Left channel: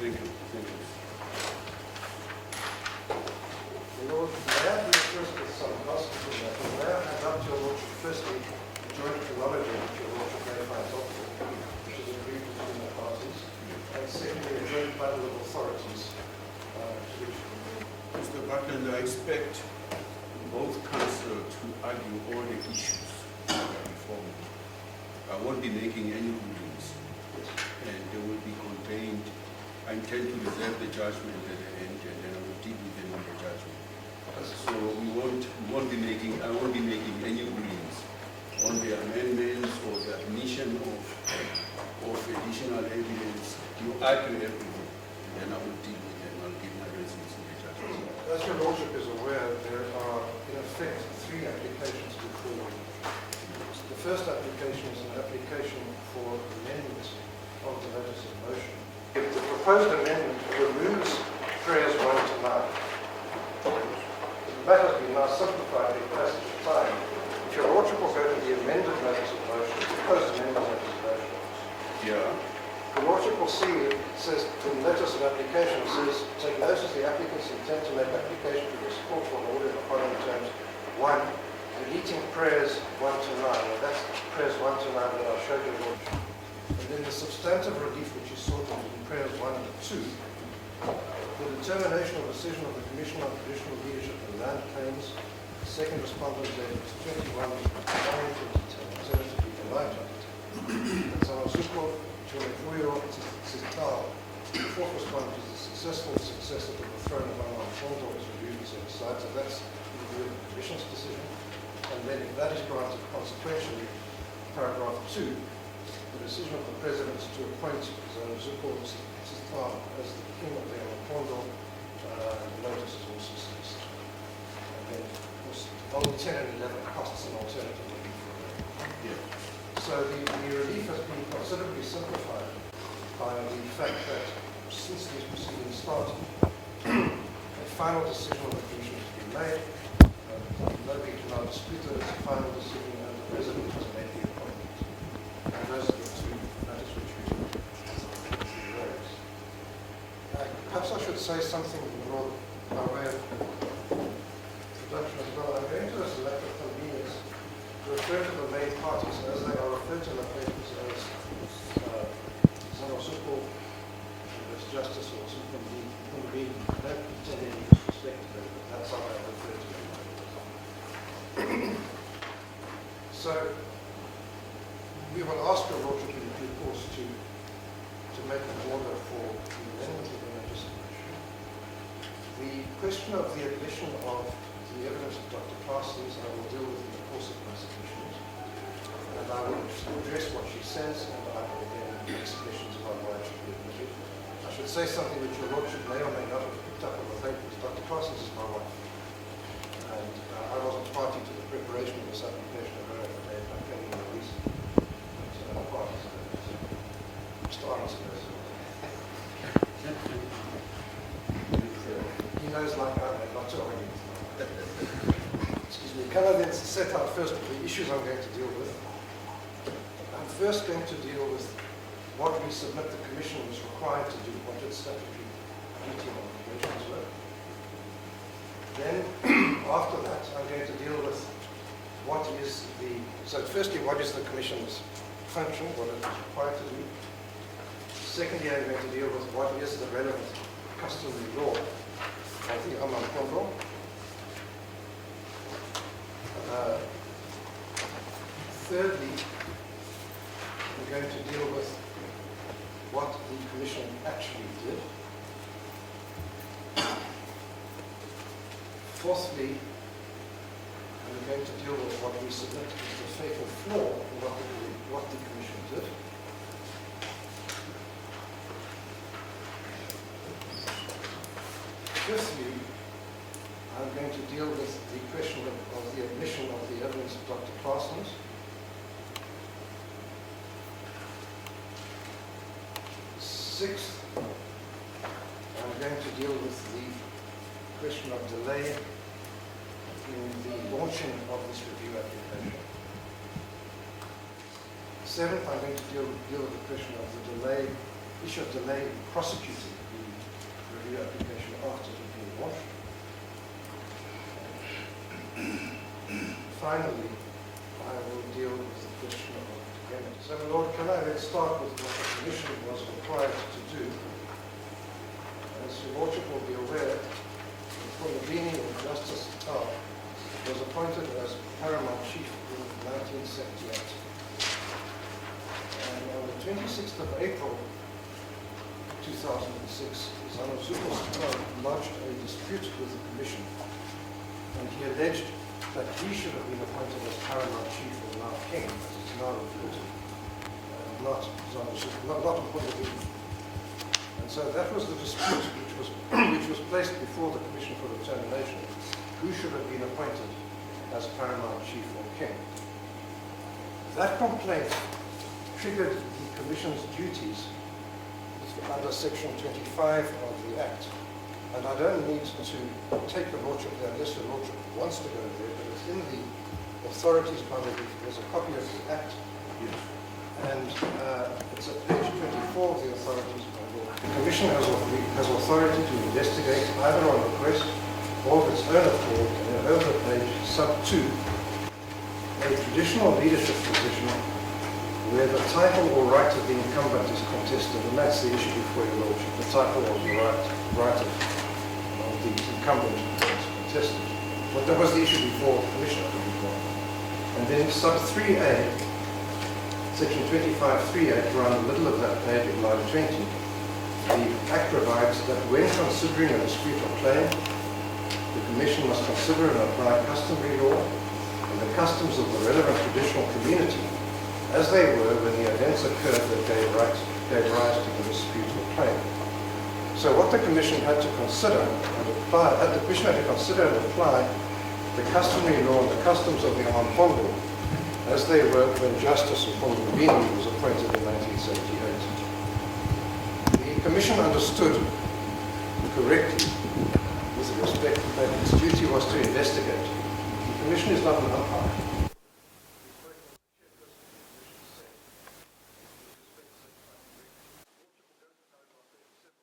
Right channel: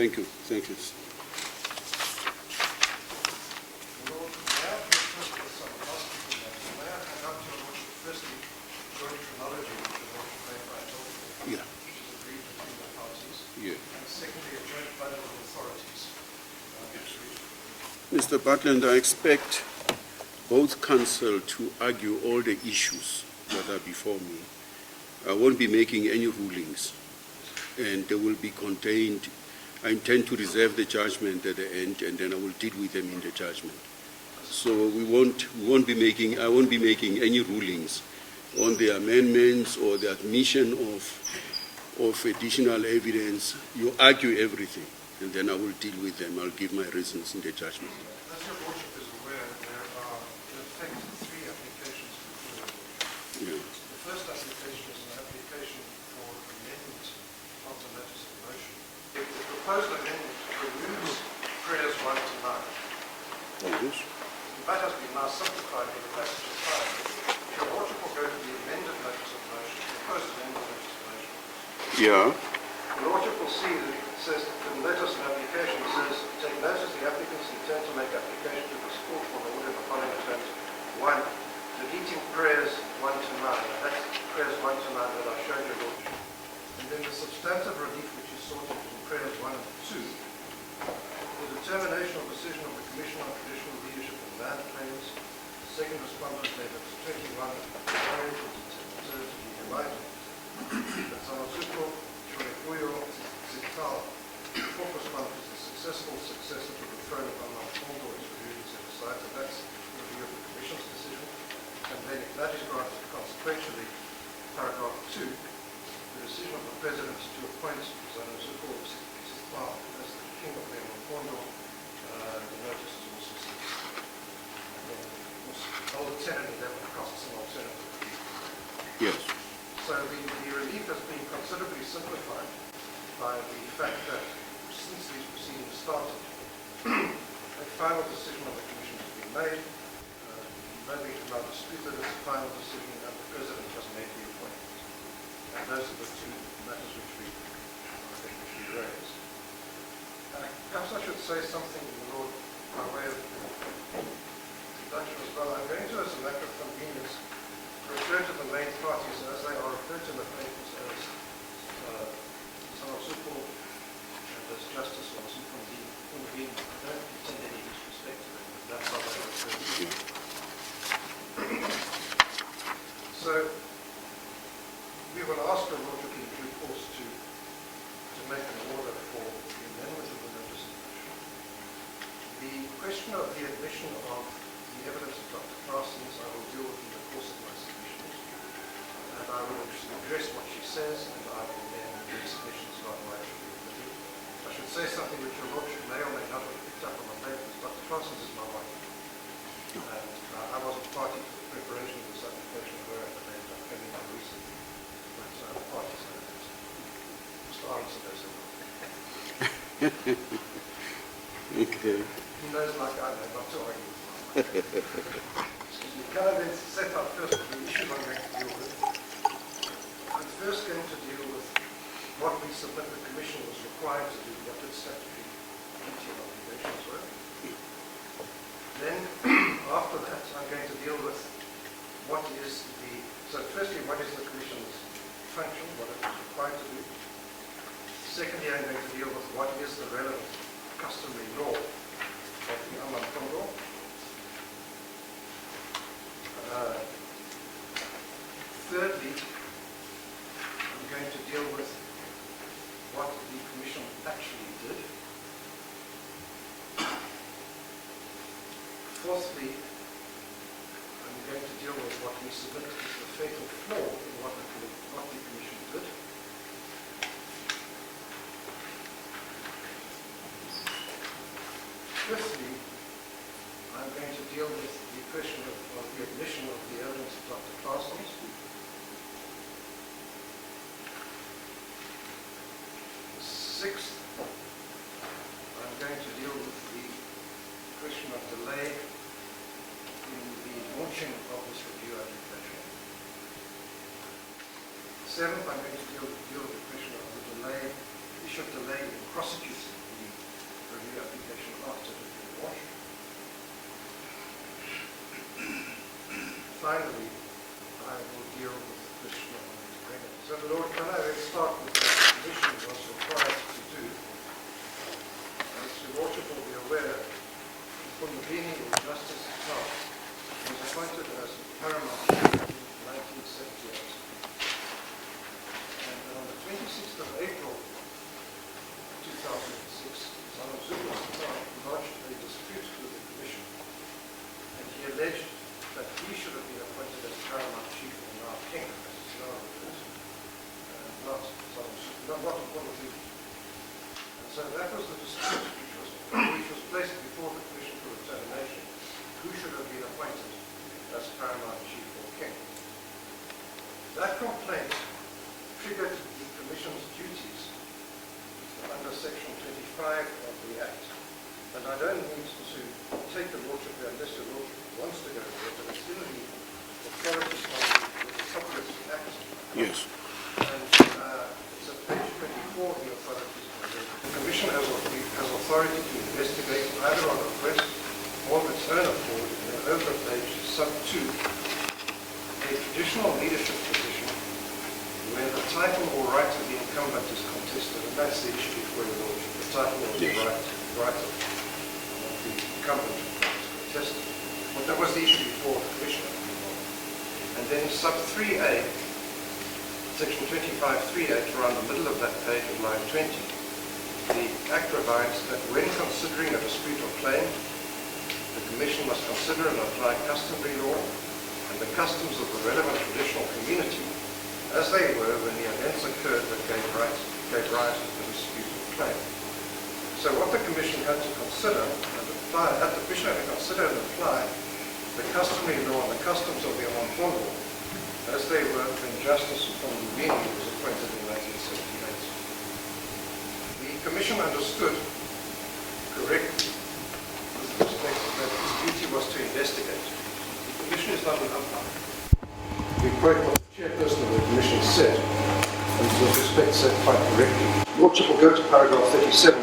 Thank you. Thank you. Lord, may I be first with some housekeeping matters? May I hand up to your Lordship firstly joint chronology which your Lordship verified document, Yeah. which is agreed between the parties, Yeah. and secondly a joint panel of authorities, which Mr. Budlender, I expect both counsel to argue all the issues that are before me. I won't be making any rulings, and they will be contained. I intend to reserve the judgment at the end, and then I will deal with them in the judgment. So I won't be making any rulings on the amendments or the admission of additional evidence. You argue everything, and then I will deal with them. I'll give my reasons in the judgment. as your Lordship is aware, there are in effect three applications before you. The first application is an application for amendment of the notice of motion. The proposed amendment removes prayers 1 to 9. The matter has been now simplified in passage of time. If your Lordship will go to the amended notice of motion, the proposed amended notice of motion, Yeah. the Lordship will see that it says, the notice of application says, take notice the applicants intend to make application to this court for an order in the following terms. 1, deleting prayers 1 to 9. And that's prayers 1 to 9 that I showed you, Lordship. And then the substantive relief which is sought in prayers 1 and 2, the determination or decision of the Commission on Traditional Leadership and Land Claims, second respondent letter 21, alternatively denied. Zanozuko Sigcau, the fourth respondent is the successful successor to the throne of AmaMpondo is reviewed and set aside. So that's the review of the Commission's decision. And then if that is granted, consequentially, paragraph 2, the decision of the President to appoint Zanozuko Sigcau as the King of AmaMpondo, the notice is also ceased. And then, of course, old 10 and 11 costs an alternative relief. Yes. So the relief has been considerably simplified by the fact that since these proceedings started, a final decision of the Commission has been made. Nobody can now dispute that it's a final decision, and the President has made the appointment. And those are the two matters which we raise. Perhaps I should say something, Lord, by way of introduction as well. I'm going to, as a matter of convenience, refer to the main parties as they are referred to in the papers as Zanozuko, as Justice or Superconvened. I don't intend any disrespect to them, but that's how I refer to them. So, we will ask your Lordship in due course to make an order for the amendment of the notice of motion. The question of the admission of the evidence of Dr. Parsons, I will deal with in the course of my submissions. And I will address what she says, and I will then make submissions about why it should be admitted. I should say something which your Lordship may or may not have picked up on the paper, because Dr. Parsons is my wife. And I wasn't party to the preparation of this application of her affidavit. I'm coming in recently. Like some other parties on it. Mr. Arnson knows it well. Okay. He knows like I know, not to argue. Excuse me. Can I then set out first the issues I'm going to deal with? I'm first going to deal with what we submit the Commission was required to do, what its statutory duty and obligations were. Then, after that, I'm going to deal with what is the... So firstly, what is the Commission's function, what it is required to do. Secondly, I'm going to deal with what is the relevant customary law of the AmaMpondo. Thirdly, I'm going to deal with what the Commission actually did. Fourthly, I'm going to deal with what we submit as the fatal flaw in what the Commission did. Fifthly, I'm going to deal with the question of the admission of the evidence of Dr. Parsons. Sixth, I'm going to deal with the question of delay in the launching of this review application. Seventh, I'm going to deal with the question of the issue of delay in prosecuting the review application after it being launched. Finally, I will deal with the question of payment. So, Lord, can I then start with what the Commission was required to do? As your Lordship will be aware, from the beginning of Justice Sigcau was appointed as paramount chief in 1978. And on the 26th of April 2006, Zanozuko Sigcau launched a dispute with the Commission, and he alleged that he should have been appointed as paramount chief, or now king, as it's now referred to, not appointed. And so that was the dispute which was placed before the Commission for determination. Who should have been appointed as paramount chief or king? That complaint triggered the Commission's duties under Section 25 of the Act. And I don't need to take the Lordship there unless the Lordship wants to go there, but it's in the authorities manual. There's a copy of the Act. Yes. And it's at page 24 of the authorities manual. The Commission has authority to investigate either on request or of its own accord, and over page sub 2, a traditional leadership position where the title or right of the incumbent is contested, and that's the issue before your Lordship. The title or the right of the incumbent is contested. But that was the issue before the Commission. And then sub 3A, section 25.3A, around the middle of that page of line 20, the Act provides that when considering a dispute or claim, the Commission must consider and apply customary law and the customs of the relevant traditional community as they were when the events occurred that gave rise to the dispute or claim. So what the Commission had to consider and apply, the Commission had to consider and apply the customary law and the customs of the AmaMpondo as they were when Justice Sigcau was appointed in 1978. The Commission understood correctly with respect that its duty was to investigate. The Commission is not an umpire. We quote what the chairperson of the Commission said, and with respect said quite correctly. Lordship will go to paragraph 37.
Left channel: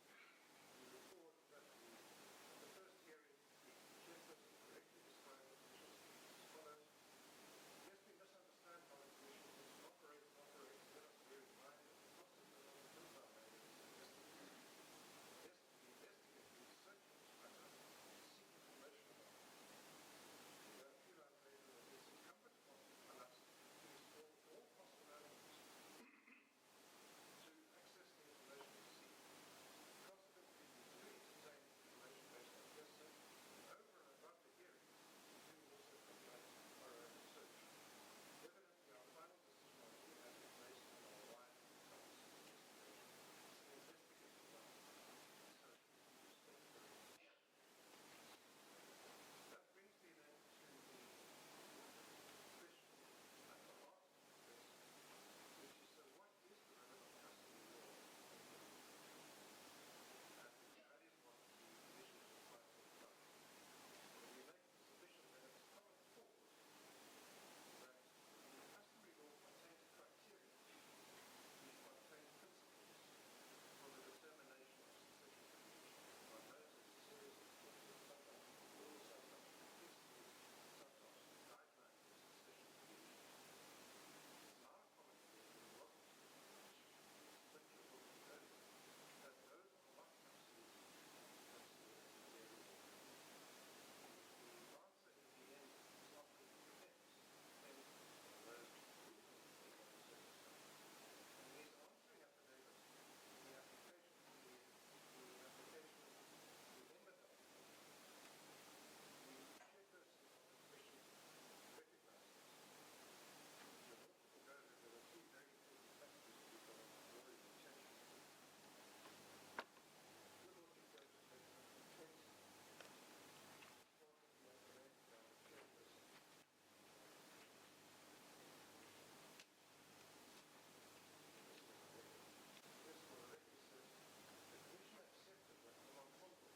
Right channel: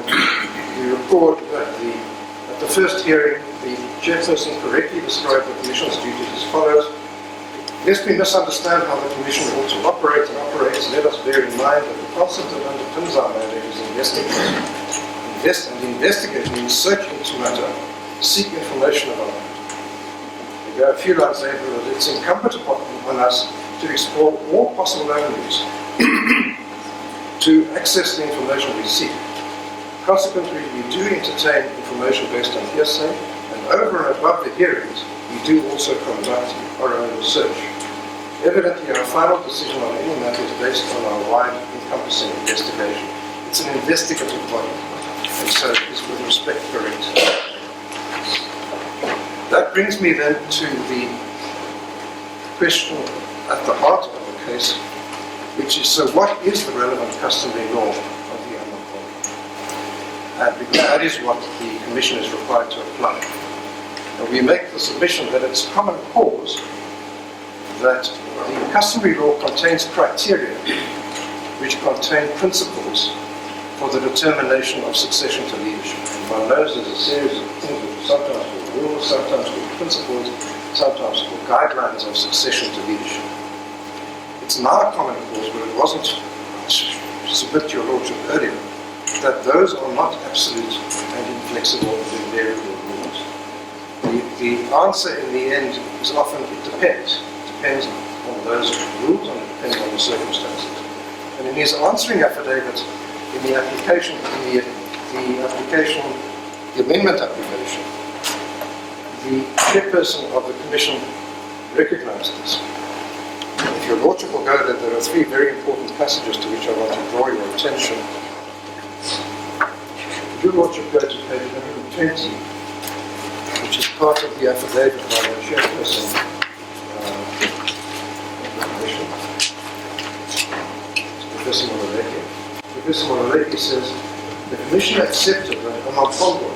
We record that at the first hearing, the chairperson correctly described the Commission's duties as follows. Lest we misunderstand how the Commission ought to operate and operates, let us bear in mind that the concept that underpins our mandate is investigation. Investigate means search into matter, seek information about it. We go a few lines later that it's incumbent upon us to explore all possible avenues to access the information we seek. Consequently, we do entertain information based on hearsay, and over and above the hearings, we do also conduct our own research. Evidently, our final decision on any matter is based on our wide, encompassing investigation. It's an investigative body, and so it is with respect correct. That brings me then to the question at the heart of the case, which is, so what is the relevant customary law of the AmaMpondo? And because that is what the Commission is required to apply. And we make the submission that it's common cause that the customary law contains criteria which contain principles for the determination of succession to leadership. And one knows there's a series of things which are sometimes called rules, sometimes called principles, sometimes called guidelines of succession to leadership. It's not a common cause, but it wasn't, submit to your Lordship earlier, that those are not absolute and inflexible and invariable rules. The answer in the end is often it depends. It depends on those rules and it depends on the circumstances. And in his answering affidavit, in the application, the amendment application, the chairperson of the Commission recognized this. If your Lordship will go there, there are three very important passages to which I want to draw your attention. If your Lordship go to page 120, which is part of the affidavit by the chairperson of the Commission, Professor Molaleki. Professor Molaleki says, the Commission accepted that AmaMpondo,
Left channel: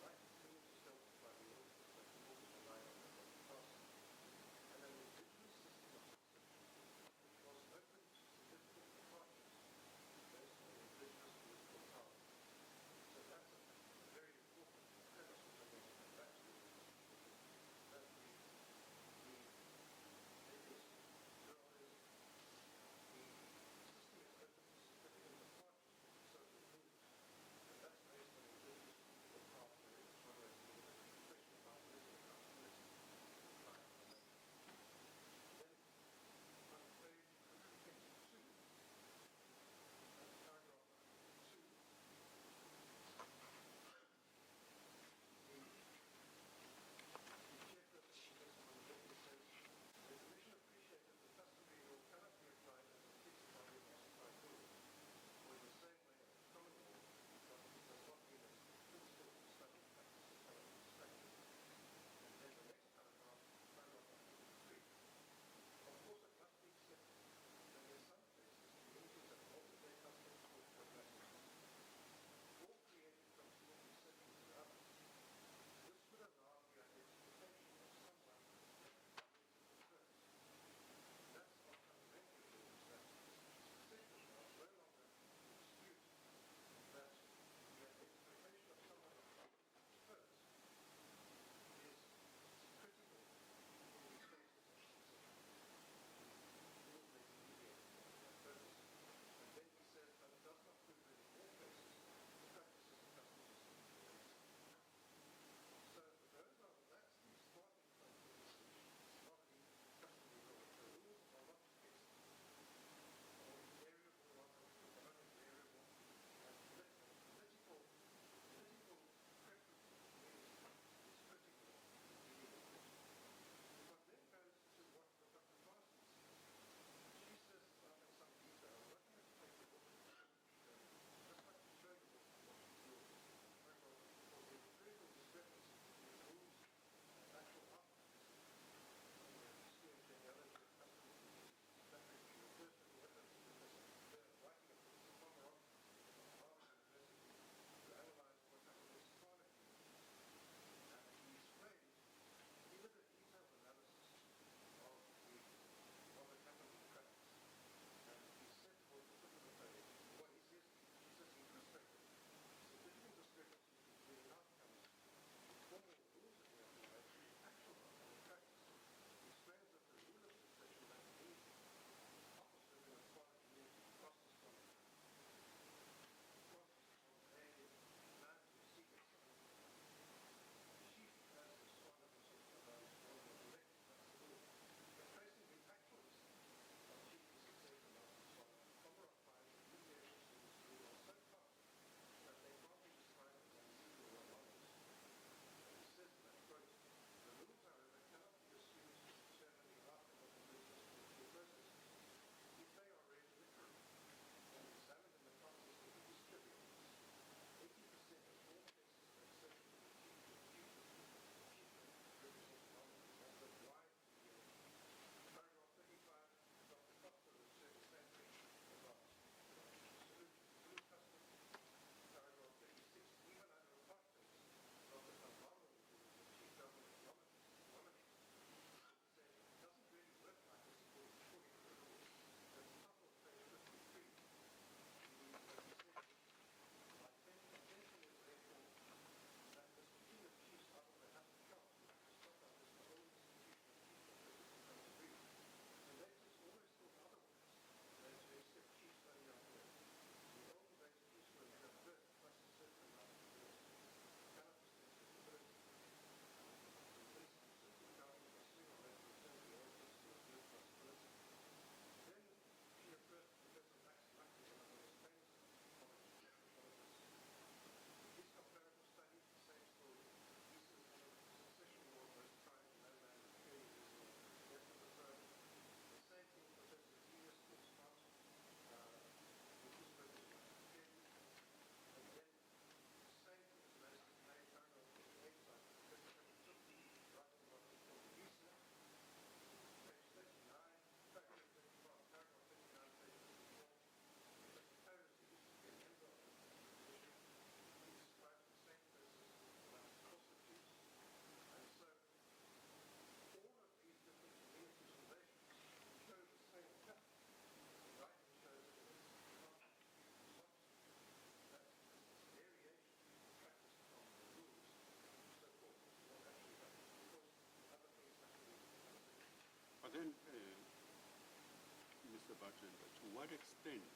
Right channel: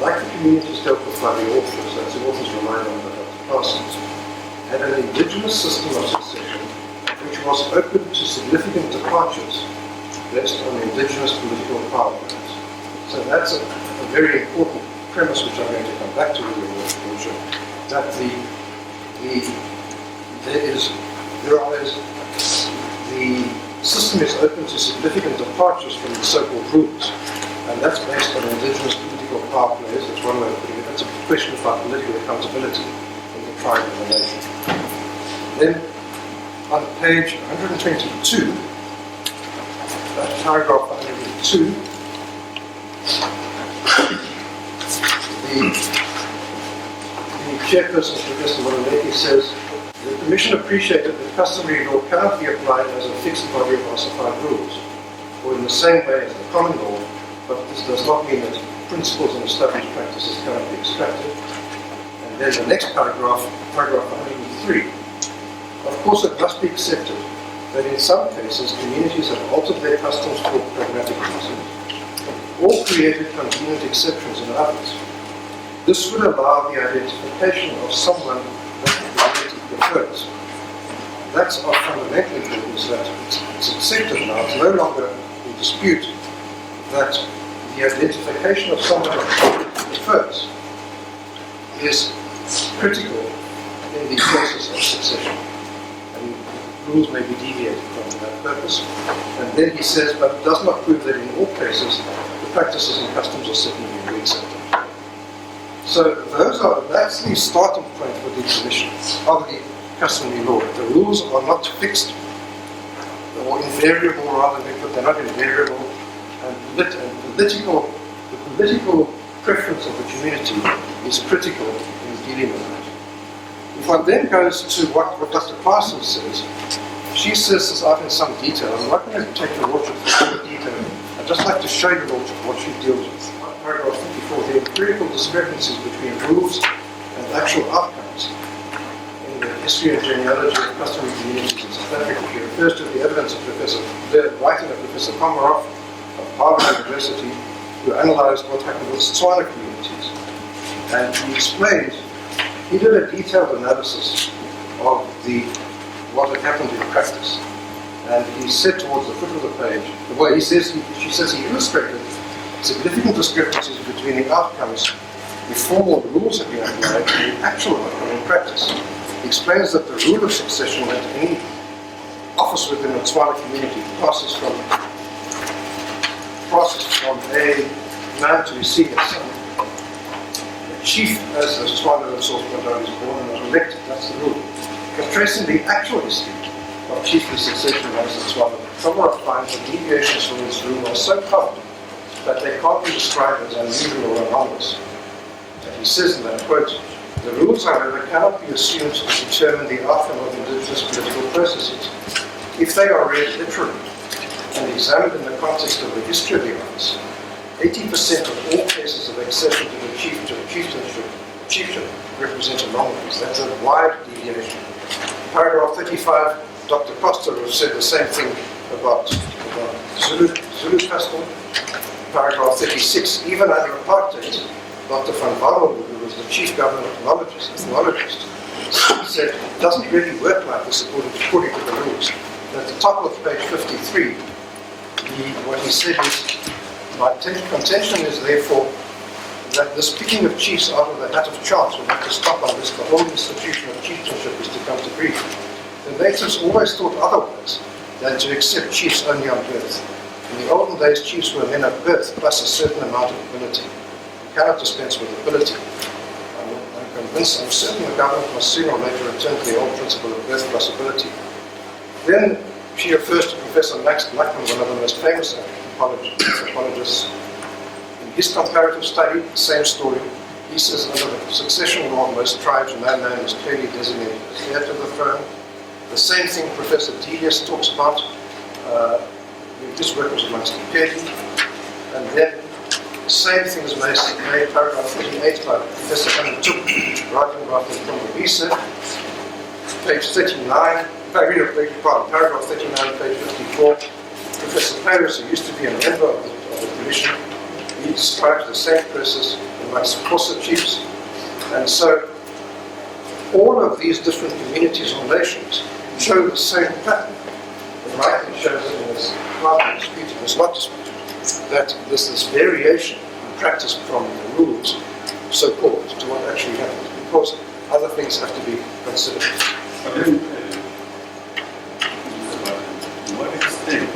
like the communities dealt with by the authors, as the authors relied on the Parsons, had an indigenous system of succession which was open to significant departures based on indigenous political power. So that's a a very important premise, which I'm going to come back to, that the system is open to significant departures from the so-called rules, and that's based on indigenous political power plays. That's one way of putting it. That's a question about political accountability in the tribe and the nation. Then, on page 122, paragraph 102, the chairperson, Professor Lombekiso, says, the Commission appreciated that customary law cannot be applied as a fixed body of ossified rules, or in the same way as the common law, but this does not mean that principles and established practices cannot be extracted. And then the next paragraph, paragraph 103, of course it must be accepted that in some cases communities have altered their customs for pragmatic reasons, or created convenient exceptions in others. This would allow the identification of someone that the community prefers. That's of fundamental importance, that it's accepted now, it's no longer in dispute, that the identification of someone that the community prefers is critical in the process of succession. And rules may be deviated from that purpose. And then he says, but it does not prove that in all cases the practices and customs are certainly reaccepted. So that's the starting point for the Commission of the customary law. The rules are not fixed or invariable, rather they're not invariable, and the political preference of the community is critical in dealing with that. If one then goes to what Dr. Parsons says, she says this out in some detail. I'm not going to take the Lordship through the detail. I'd just like to show you, Lordship, what she deals with. Paragraph 54, the empirical discrepancies between rules and actual outcomes in the history and genealogy of customary communities in South Africa. She refers to the evidence of the writing of Professor Komarov of Harvard University, who analyzed what happened with Tswana communities. And he explained, he did a detailed analysis of what had happened in practice. And he said towards the foot of the page, well, she says he illustrated significant discrepancies between the outcomes before the rules have been applied and the actual outcome in practice. He explains that the rule of succession at any office within a Tswana community passes from a man to his senior son. A chief, as the Tswana themselves pointed out, is born and was elected. That's the rule. But tracing the actual history of chiefly succession amongst the Tswana, Komarov finds that deviations from this rule are so common that they can't be described as unusual or anomalous. And he says in that quote, the rules, however, cannot be assumed to determine the outcome of indigenous political processes. If they are read literally and examined in the context of the history of the office, 80% of all cases of accession to the chieftain represent anomalies. That's a wide deviation. Paragraph 35, Dr. Costa said the same thing about Zulu custom. Paragraph 36, even under Apartheid, Dr. van Warmelo, who was the chief government ethnologist, he said it doesn't really work like this according to the rules. And at the top of page 53, what he said is, my contention is therefore that this picking of chiefs out of the hat of chance will have to stop unless the whole institution of chieftainship is to come to grief. The natives always thought otherwise than to accept chiefs only on birth. In the olden days, chiefs were men of birth plus a certain amount of ability. You cannot dispense with ability. I'm convinced, I'm certain the government must sooner or later return to the old principle of birth plus ability. Then she refers to Professor Max Blackman, one of the most famous anthropologists. In his comparative study, the same story, he says under the succession law, most tribes, no man is clearly designated as heir to the throne. The same thing Professor Delius talks about. His work was amongst the Qaukeni. And then the same thing is made paragraph 38 by Professor AmaMpondo, writing about the Lombekiso, page 39, paragraph 39, page 54. Professor Paris, who used to be a member of the Commission, he describes the same process amongst Xhosa chiefs. And so all of these different communities or nations show the same pattern. The writing shows it in this not disputed, it's not disputed, that there's this variation in practice from the rules, so-called, to what actually happens, because other things have to be considered. But then, to what extent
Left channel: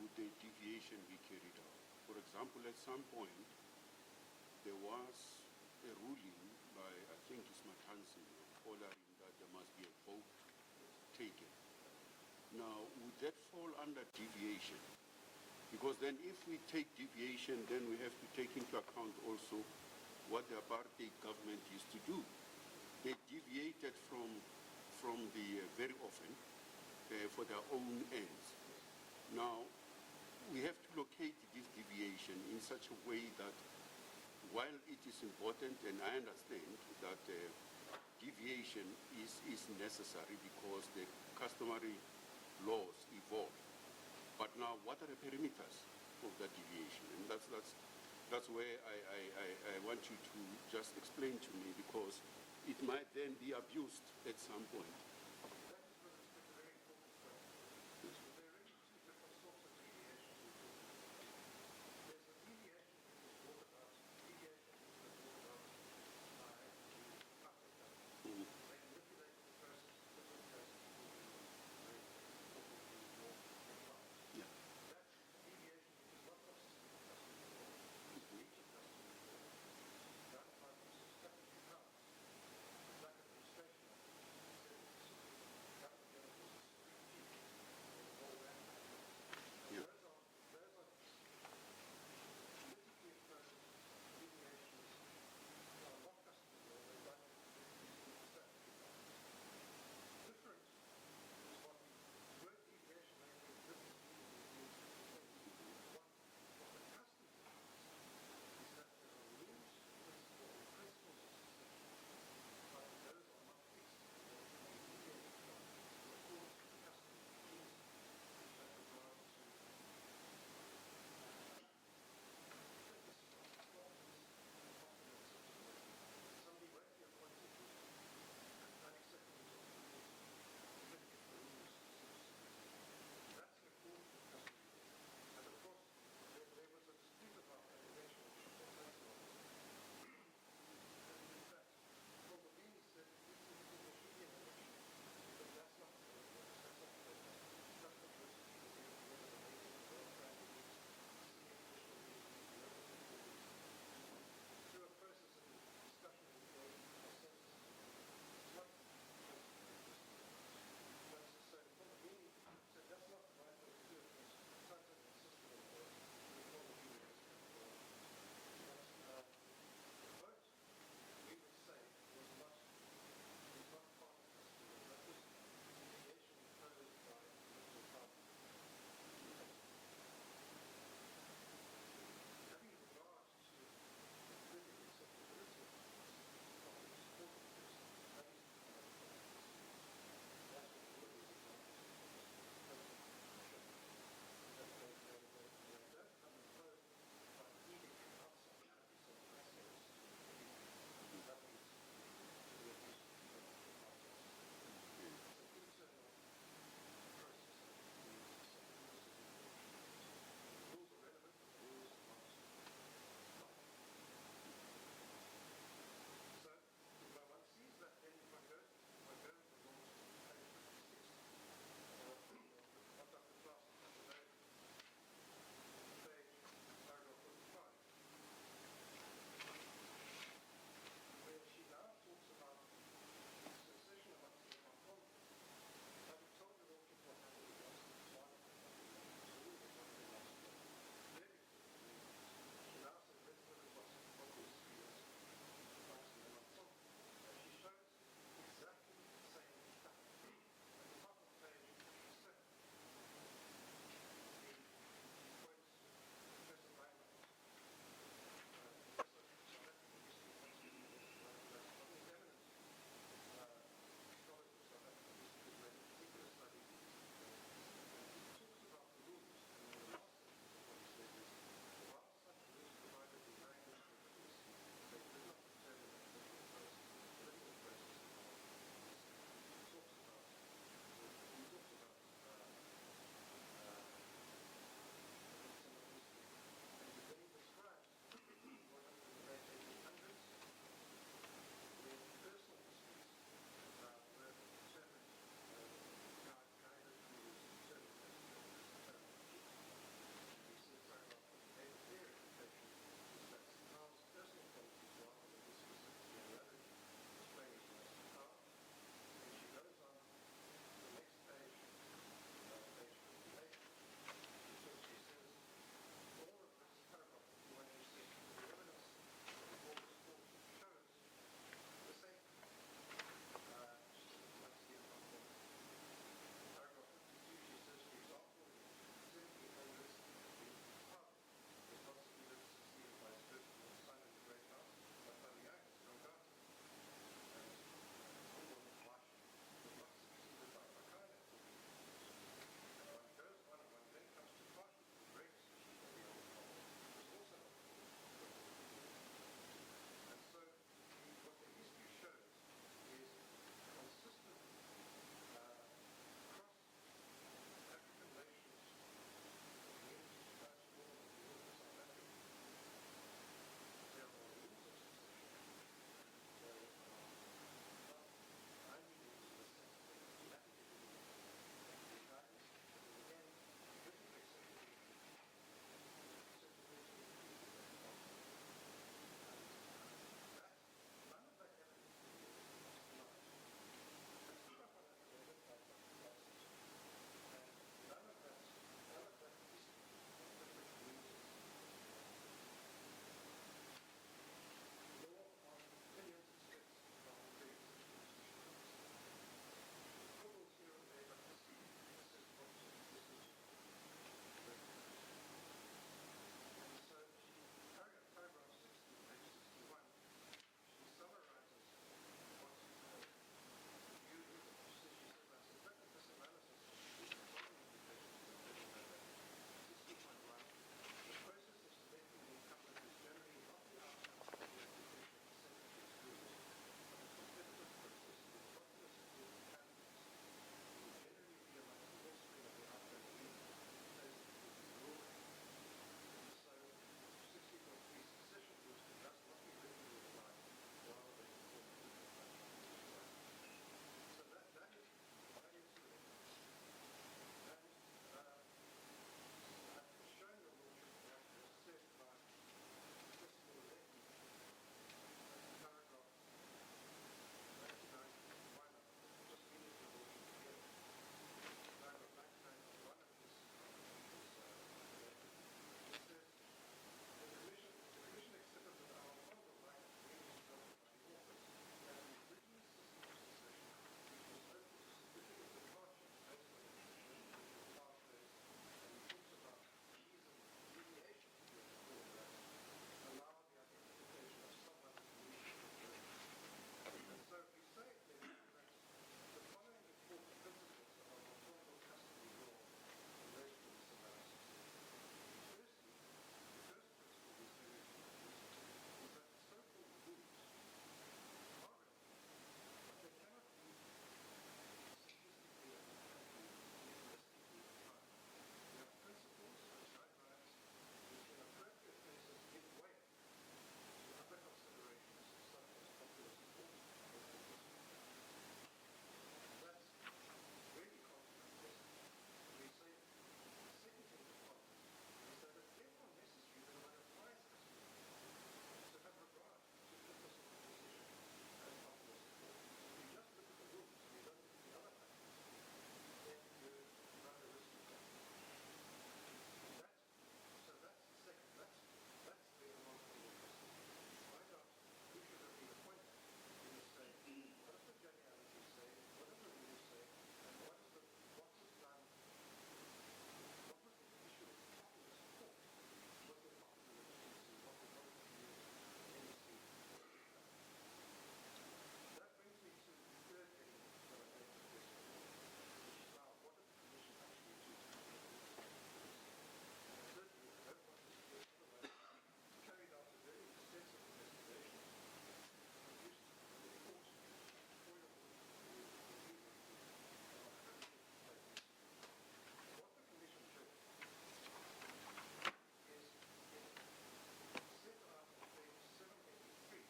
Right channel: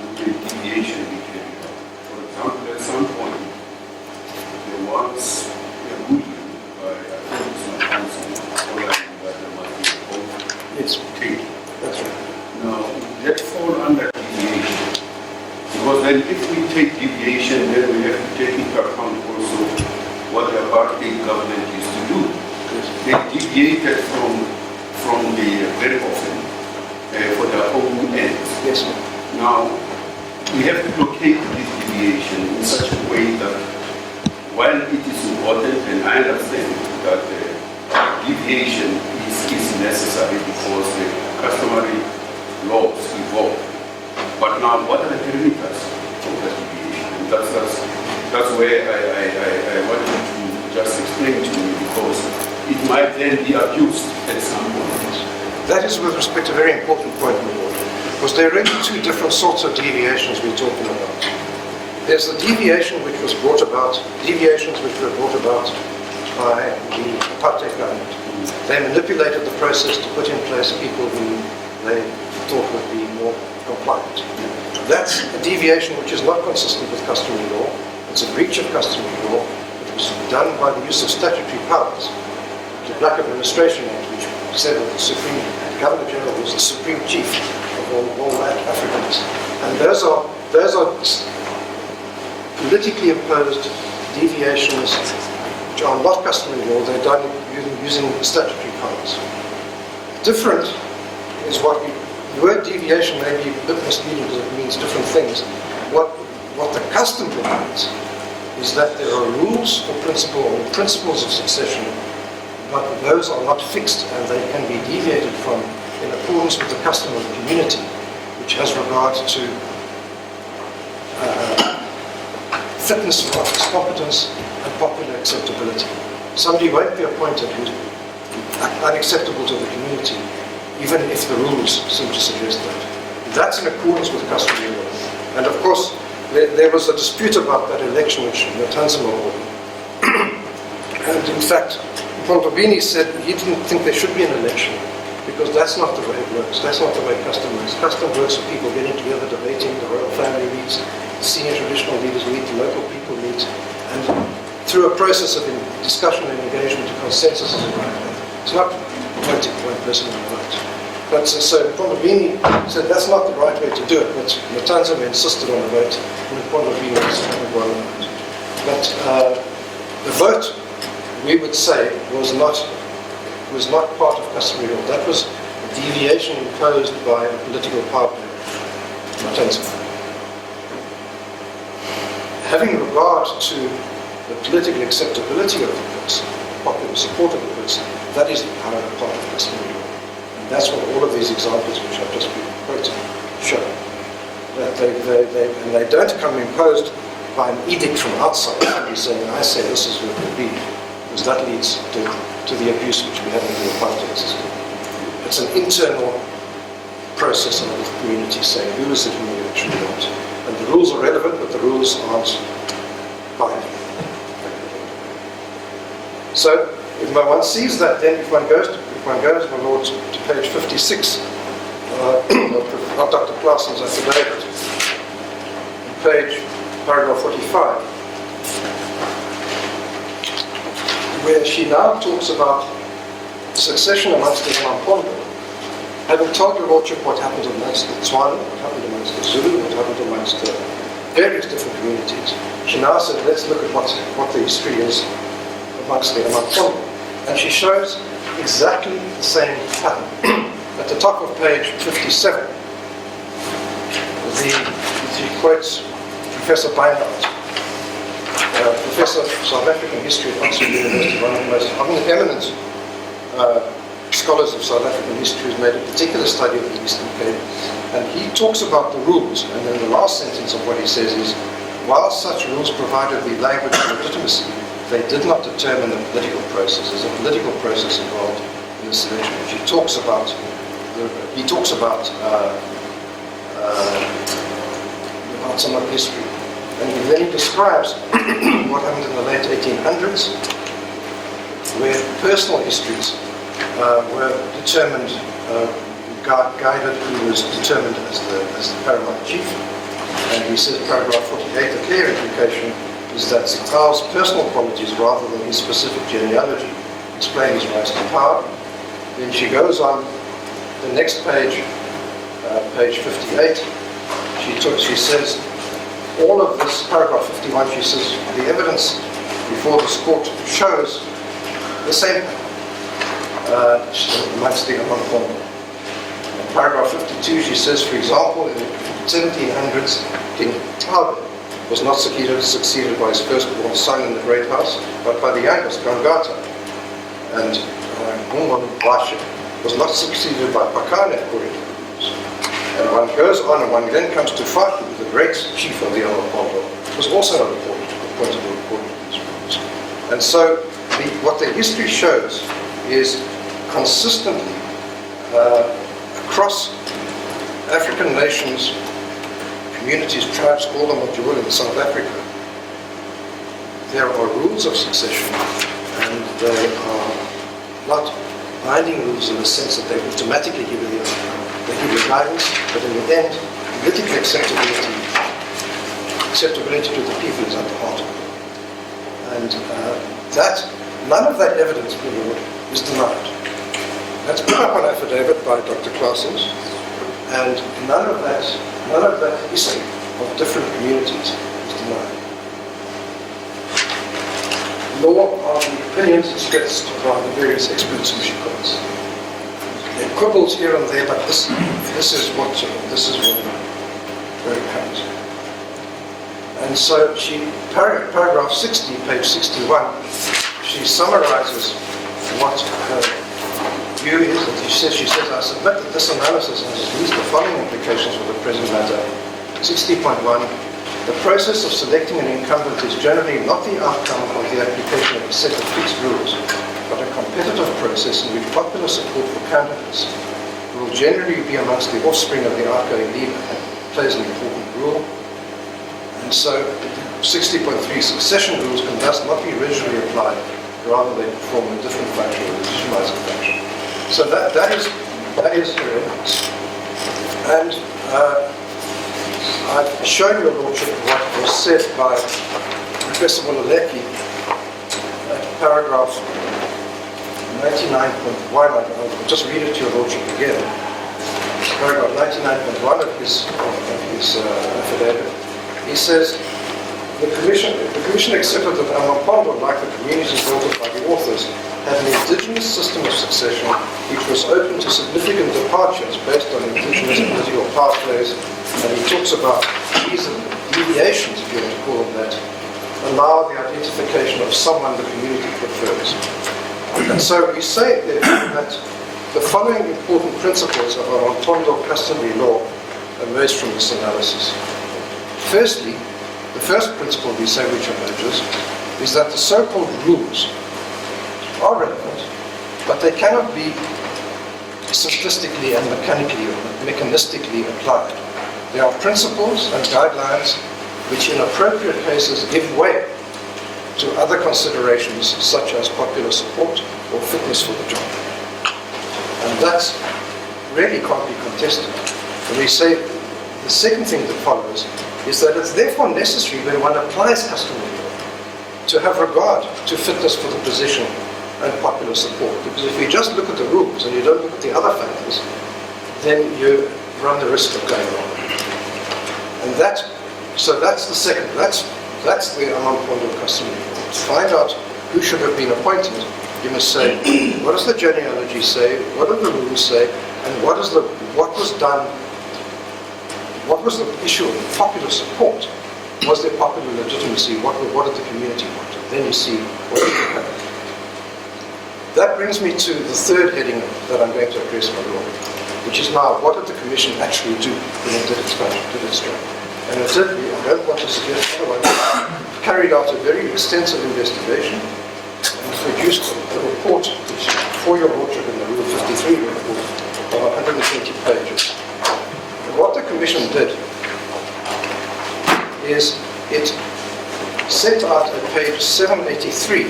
would the deviation be carried out? For example, at some point, there was a ruling by a constitutional council following that there must be a vote Yes, taken. that's right. Now, that fall under deviation. Because then if we take deviation, then we have to take into account also what the Apartheid government used to do. They deviated from the very often for their own ends. Yes, sir. Now, we have to locate this deviation in such a way that while it is important, and I understand that deviation is necessary because the customary laws evolve. But now, what are the perimeters of that deviation? And that's where I wanted to just explain to you, because it might then be abused at some point. That is, with respect, a very important point in the law, because there are really two different sorts of deviations we're talking about. There's the deviation which was brought about, deviations which were brought about by the Apartheid government. They manipulated the process to put in place people who they thought would be more compliant. That's a deviation which is not consistent with customary law. It's a breach of customary law. It was done by the use of statutory powers. The Black Administration Act, which said that the Governor General was the supreme chief of all Africans. And those are politically imposed deviations which are not customary law. They're done using statutory powers. Different is the word deviation may be a bit misleading because it means different things. What the custom provides is that there are rules or principles of succession, but those are not fixed and they can be deviated from in accordance with the custom of the community, which has regard to fitness for office, competence, and popular acceptability. Somebody won't be appointed who's unacceptable to the community, even if the rules seem to suggest that. That's in accordance with customary law. And of course, there was a dispute about that election which Matanzima won. And in fact, Pontobini said he didn't think there should be an election because that's not the way it works. That's not the way custom works. Custom works with people getting together, debating, the royal family meets, the senior traditional leaders meet, the local people meet, and through a process of discussion and engagement, a consensus is arrived at. It's not voting for one person on the vote. But so Pontobini said that's not the right way to do it, but Matanzima insisted on the vote, and Pontobini won the vote. But the vote, we would say, was not part of customary law. That was a deviation imposed by a political power player, Matanzima. Having regard to the political acceptability of the person, popular support of the person, that is part of customary law. And that's what all of these examples which I've just been quoting show. That they don't come imposed by an edict from outside, somebody saying, I say this is what it will be, because that leads to the abuse which we have in the apartheid system. It's an internal process of the community saying, who is it whom we actually want? And the rules are relevant, but the rules aren't binding. So, if one sees that, then if one goes, my lord, to page 56 of Dr. Claessen's affidavit, paragraph 45, where she now talks about succession amongst the AmaMpondo, having told your lordship what happened amongst the Tswana, what happened amongst the Zulu, what happened amongst the various different communities. She now said, let's look at what the history is amongst the AmaMpondo. And she shows exactly the same pattern. At the top of page 57, she quotes Professor Beinhardt, Professor of South African History at Oxford University, one of the most eminent scholars of South African history, who's made a particular study of the Eastern Cape. And he talks about the rules, and then the last sentence of what he says is, while such rules provided the language of legitimacy, they did not determine the political process. There's a political process involved in the selection, which he talks about some of history. And then he describes what happened in the late 1800s, where personal histories were determined, guided who was determined as the paramount chief. And he says, paragraph 48, the clear implication is that Sigcau's personal qualities rather than his specific genealogy explain his rise to power. Then she goes on the next page, page 58. She says, all of this, paragraph 51, she says, the evidence before this court shows the same amongst the AmaMpondo. In paragraph 52, she says, for example, in the 1700s, King Qaukeni was not succeeded by his firstborn son in the great house, but by the youngest, Gangata. And Ngongwashe was not succeeded by Qaukeni, according to the rules. And one goes on, and one then comes to Fatu, the great chief of the AmaMpondo, was also not appointed according to these rules. And so, what the history shows is consistently across African nations, communities, tribes, call them what you will in South Africa, there are rules of succession, and they are not binding rules in the sense that they automatically give you the outcome. They give you guidance, but in the end, political acceptability to the people is at the heart of it. And none of that evidence, my Lord, is denied. That's put up on affidavit by Dr. Claessens, and none of that history of different communities is denied. Nor are the opinions expressed by the various experts who she quotes. There are quibbles here and there, but this is where it comes. And so paragraph 60, page 61, she summarizes what her view is, and she says, I submit that this analysis has at least the following implications for the present matter. 60.1, the process of selecting an incumbent is generally not the outcome of the application of a set of fixed rules, but a competitive process in which popular support for candidates will generally be amongst the offspring of the outgoing leader and plays an important role. And so 60.3, succession rules can thus not be rigidly applied, rather they perform a different function, a legitimizing function. So that is her evidence. And I've shown your Lordship what was said by Professor Mololeki at paragraph 99.1. I'll just read it to your Lordship again. Paragraph 99.1 of his affidavit. He says, the Commission accepted that AmaMpondo, like the communities built up by the authors, had an indigenous system of succession which was open to significant departures based on indigenous political pathways, and he talks about these deviations, if you want to call them that, allow the identification of someone the community prefers. And so we say that the following important principles of AmaMpondo customary law emerge from this analysis. Firstly, the first principle we say which emerges is that the so-called rules are relevant, but they cannot be simplistically and mechanistically applied. There are principles and guidelines which in appropriate cases give way to other considerations such as popular support or fitness for the job. And that really can't be contested. And we say the second thing that follows is that it's therefore necessary when one applies customary law to have regard to fitness for the position and popular support. Because if you just look at the rules and you don't look at the other factors, then you run the risk of going wrong. And so that's the second, that's the AmaMpondo customary law. To find out who should have been appointed, you must say, what does the genealogy say, what do the rules say, and what was the issue of popular support? Was there popular legitimacy? What did the community want? Then you see what you have. That brings me to the third heading that I'm going to address, my Lord, which is now, what did the Commission actually do when it did its job? And it did, I don't want to suggest otherwise, carried out a very extensive investigation and produced a report, which for your Lordship in the Rule 53 report, of 120 pages. And what the Commission did is it set out at page 783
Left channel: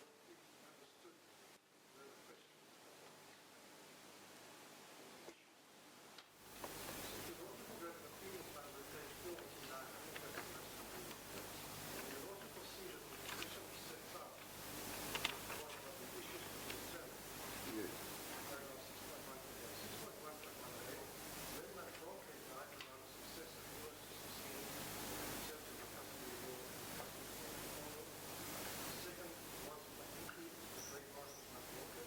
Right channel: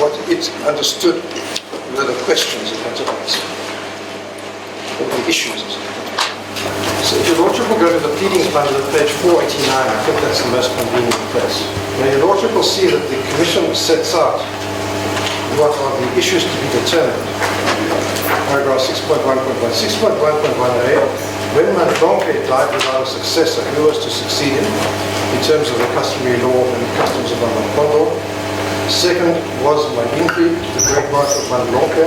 what it understood were the questions it had to answer, or the issues. So if your Lordship will go to the pleadings bundle at page 489, I think that's the most convenient place. Now your Lordship will see that the Commission sets out what are the issues to be determined. Paragraph 6.1.1. 6.1.1a, when Mandonke died without a successor, who was to succeed him in terms of the customary law and customs of AmaMpondo? Second was Maginkri, the great wife of Mandonke.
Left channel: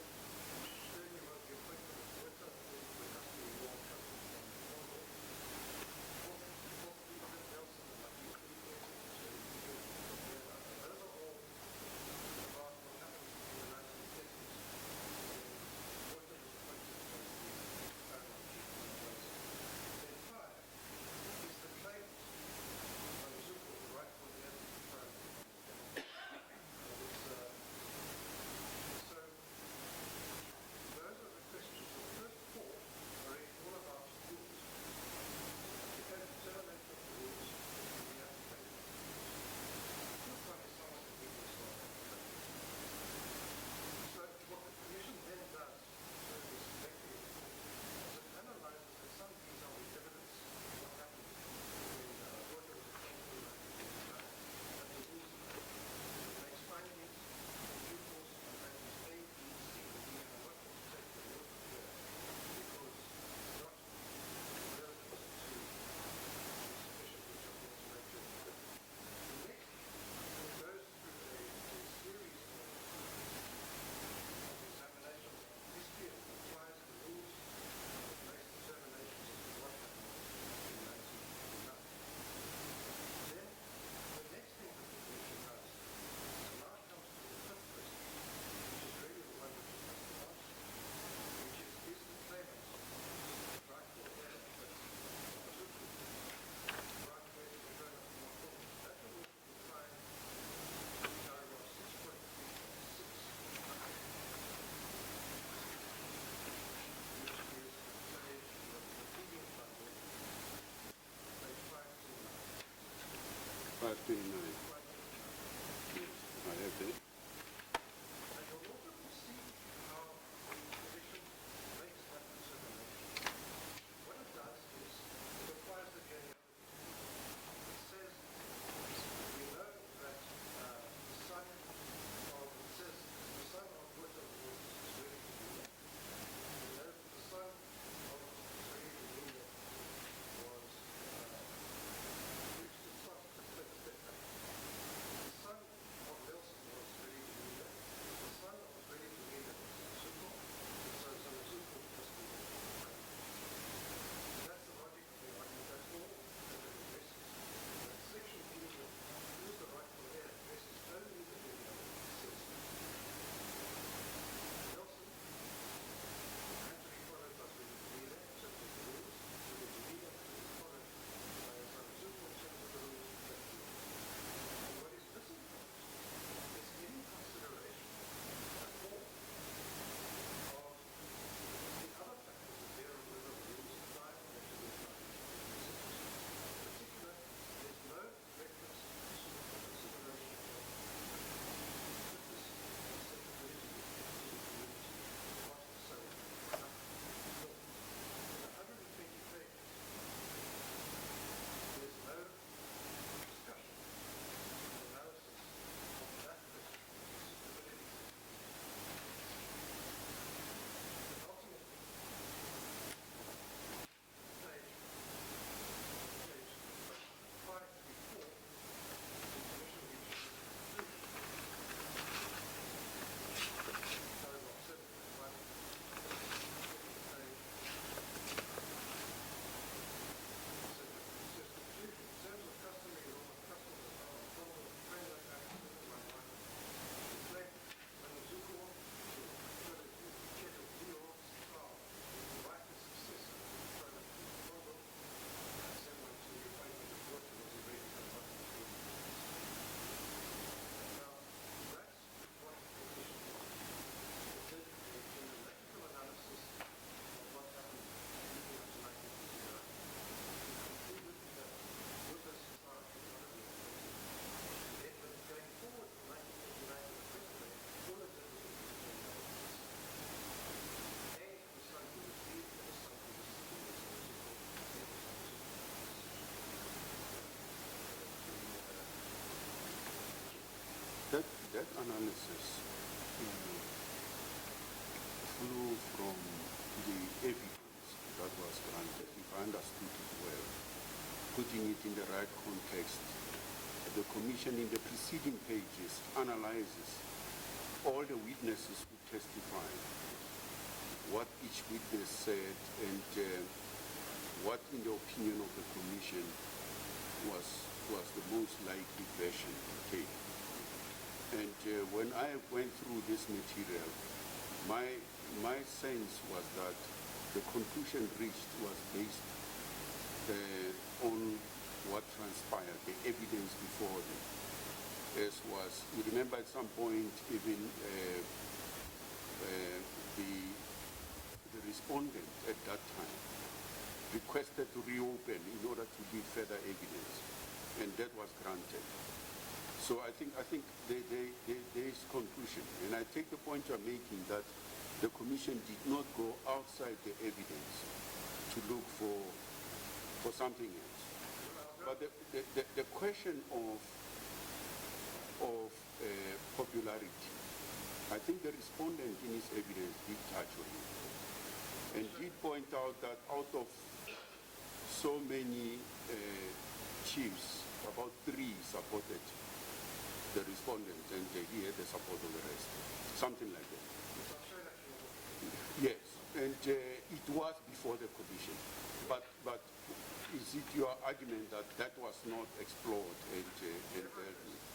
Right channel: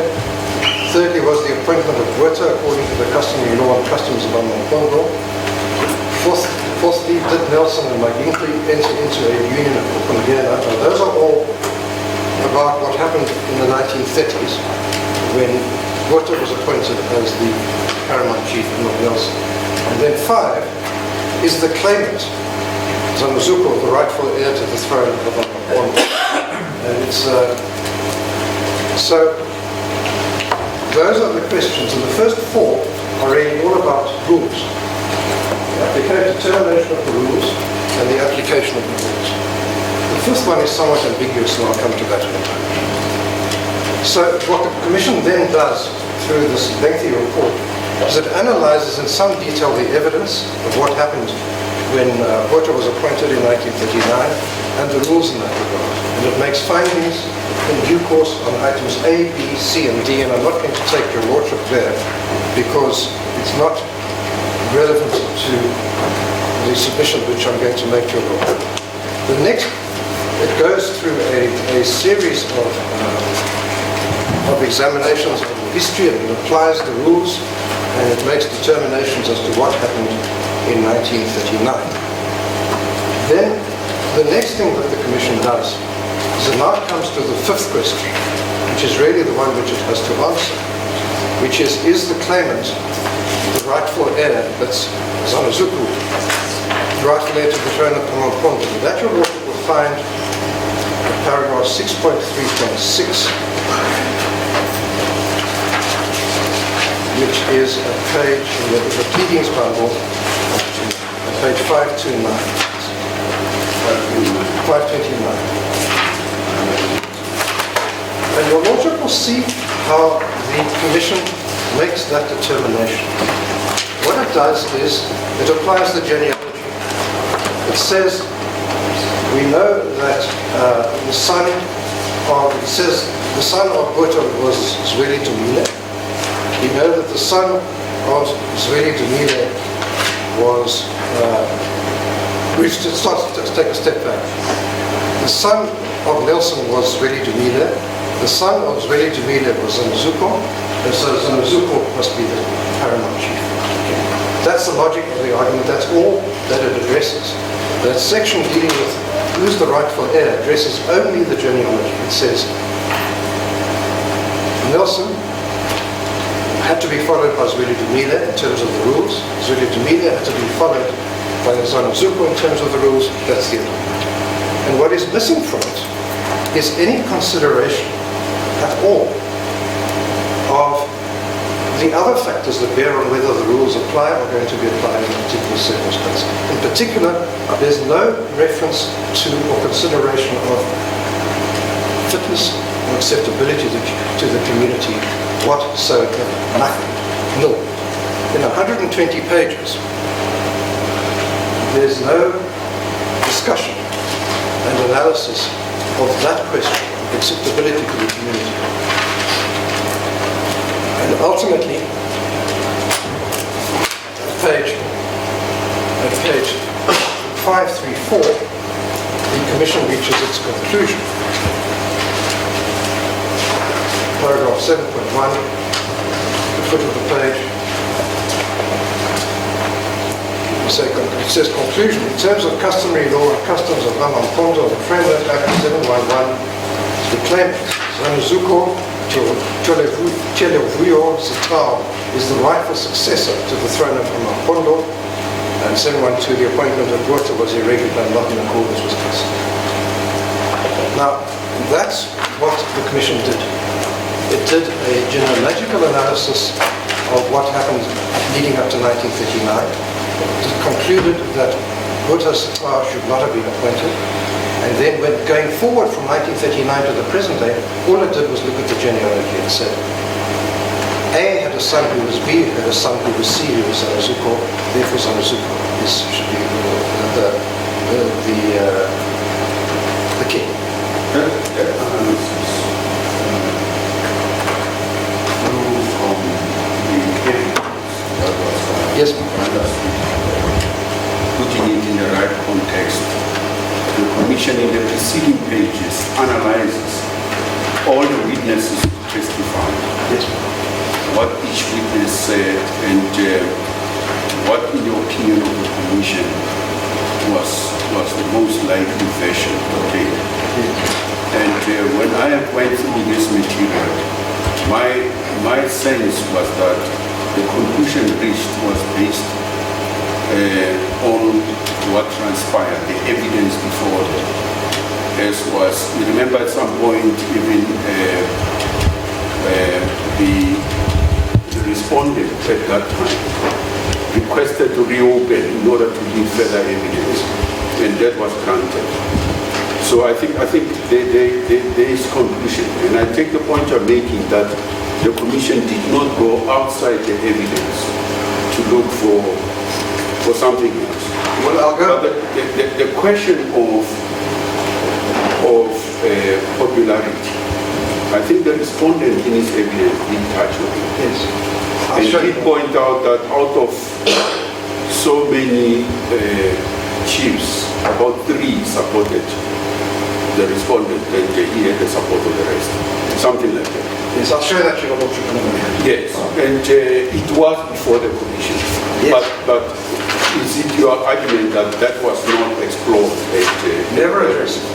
Thirdly was the appointment of Weta according to the customary law and customs of AmaMpondo. Fourthly, did Nelson and Maginkri enter into a union of Qaukeni? Now those are all about what happened in the 1930s when Weta was appointed as the paramount chief and not Nelson. And then 5 is the claimant, Zanozuko, the rightful heir to the throne of AmaMpondo. And it's so those are the questions, and the first 4 are really all about rules. The determination of the rules and the application of the rules. The fifth one is somewhat ambiguous, and I'll come to that in a moment. So what the Commission then does through this lengthy report is it analyzes in some detail the evidence of what happened when Weta was appointed in 1939 and the rules in that regard. And it makes findings in due course on items A, B, C, and D, and I'm not going to take your Lordship there because it's not relevant to the submission which I'm going to make to your Lordship. The next, it goes through a series of examinations of the history, and it applies the rules, and it makes determinations as to what happened in 1939. Then the next thing that the Commission does is it now comes to the 5th question, which is really the one which it has to answer, which is the claimant the rightful heir, that's Zanozuko, the rightful heir to the throne of AmaMpondo? That your Lordship will find in paragraph 6.3.6, which is a page in the pleadings bundle, at page 529. 529. And your Lordship will see how the Commission makes that determination. What it does is it applies the genealogy. It says we know that the son of Weta was Zweli Dumile. We know that the son of Zweli Dumile was let's take a step back. The son of Nelson was Zweli Dumile. The son of Zweli Dumile was Zanozuko, and so Zanozuko must be the paramount chief. That's the logic of the argument. That's all that it addresses. That section dealing with who's the rightful heir addresses only the genealogy. It says Nelson had to be followed by Zweli Dumile in terms of the rules. Zweli Dumile had to be followed by Zanozuko in terms of the rules. That's the argument. And what is missing from it is any consideration at all of the other factors that bear on whether the rules apply or are going to be applied in a particular circumstance. In particular, there's no reference to or consideration of fitness or acceptability to the community whatsoever. Nothing. No. In 120 pages, there's no discussion and analysis of that question, of acceptability to the community. And ultimately, at page 534, the Commission reaches its conclusion. Paragraph 7.1, the foot of the page. It says conclusion. In terms of customary law and customs of AmaMpondo, the Framework Act 711, the claimant, Zanozuko Sigcau, is the rightful successor to the throne of AmaMpondo, and 712, the appointment of Weta was irregular and not in accordance with custom. Now, that's what the Commission did. It did a genealogical analysis of what happened leading up to 1939. It concluded that Buddha Sigcau should not have been appointed. And then when going forward from 1939 to the present day, all it did was look at the genealogy and said, A had a son who was B, had a son who was C, who was Zanozuko, therefore Zanozuko should be the king. That analysis grew from the evidence that was Yes, putting it in the right context. The Commission in the preceding pages analyzes all the witnesses who testified, yes, what each witness said, and what, in the opinion of the Commission, was the most likely version. Okay. And when I went through this material, my sense was that the conclusion reached was based on what transpired, the evidence before them. As was, you remember at some point even the respondent at that time requested to reopen in order to give further evidence, and that was granted. So I think there is conclusion, and I take the point you're making that the Commission did not go outside the evidence to look for something else. Well, I'll go. But the question of popularity, I think the respondent in his evidence did touch on it. Yes. And he pointed out that out of so many chiefs, about 3 supported the respondent, and he had the support of the rest. Something like that. Yes, I'll show that to your Lordship in a minute. Yes, and it was before the Commission. Yes. But is it your argument that that was not explored? Never addressed it.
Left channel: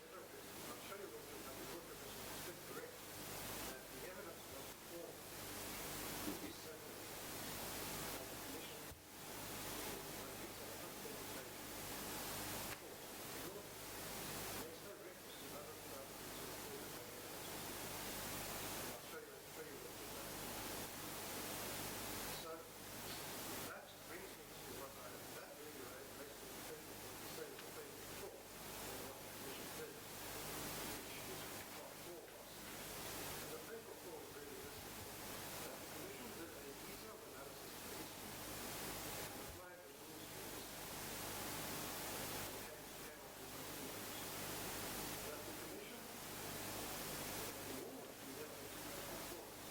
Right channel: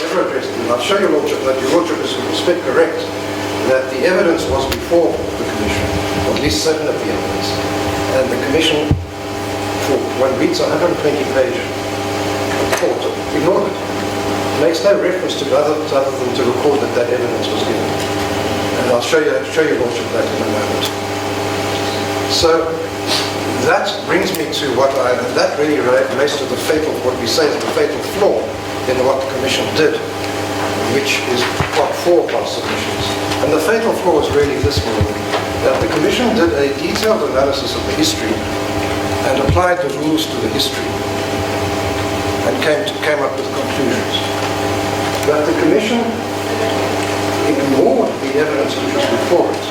Never addressed it. And I'll show your Lordship that your Lordship is with respect correct, that the evidence was before the Commission, or at least certain of the evidence. And the Commission, for one reads a 120-page report, ignored it. Makes no reference to other than to record that evidence was given. And I'll show your Lordship that in a moment. So that brings me to that really relates to the fatal, what we say is the fatal flaw in what the Commission did, which is part 4 of our submissions. And the fatal flaw is really this one, that the Commission did a detailed analysis of the history and applied the rules to the history and came up with conclusions. But the Commission ignored the evidence which was before it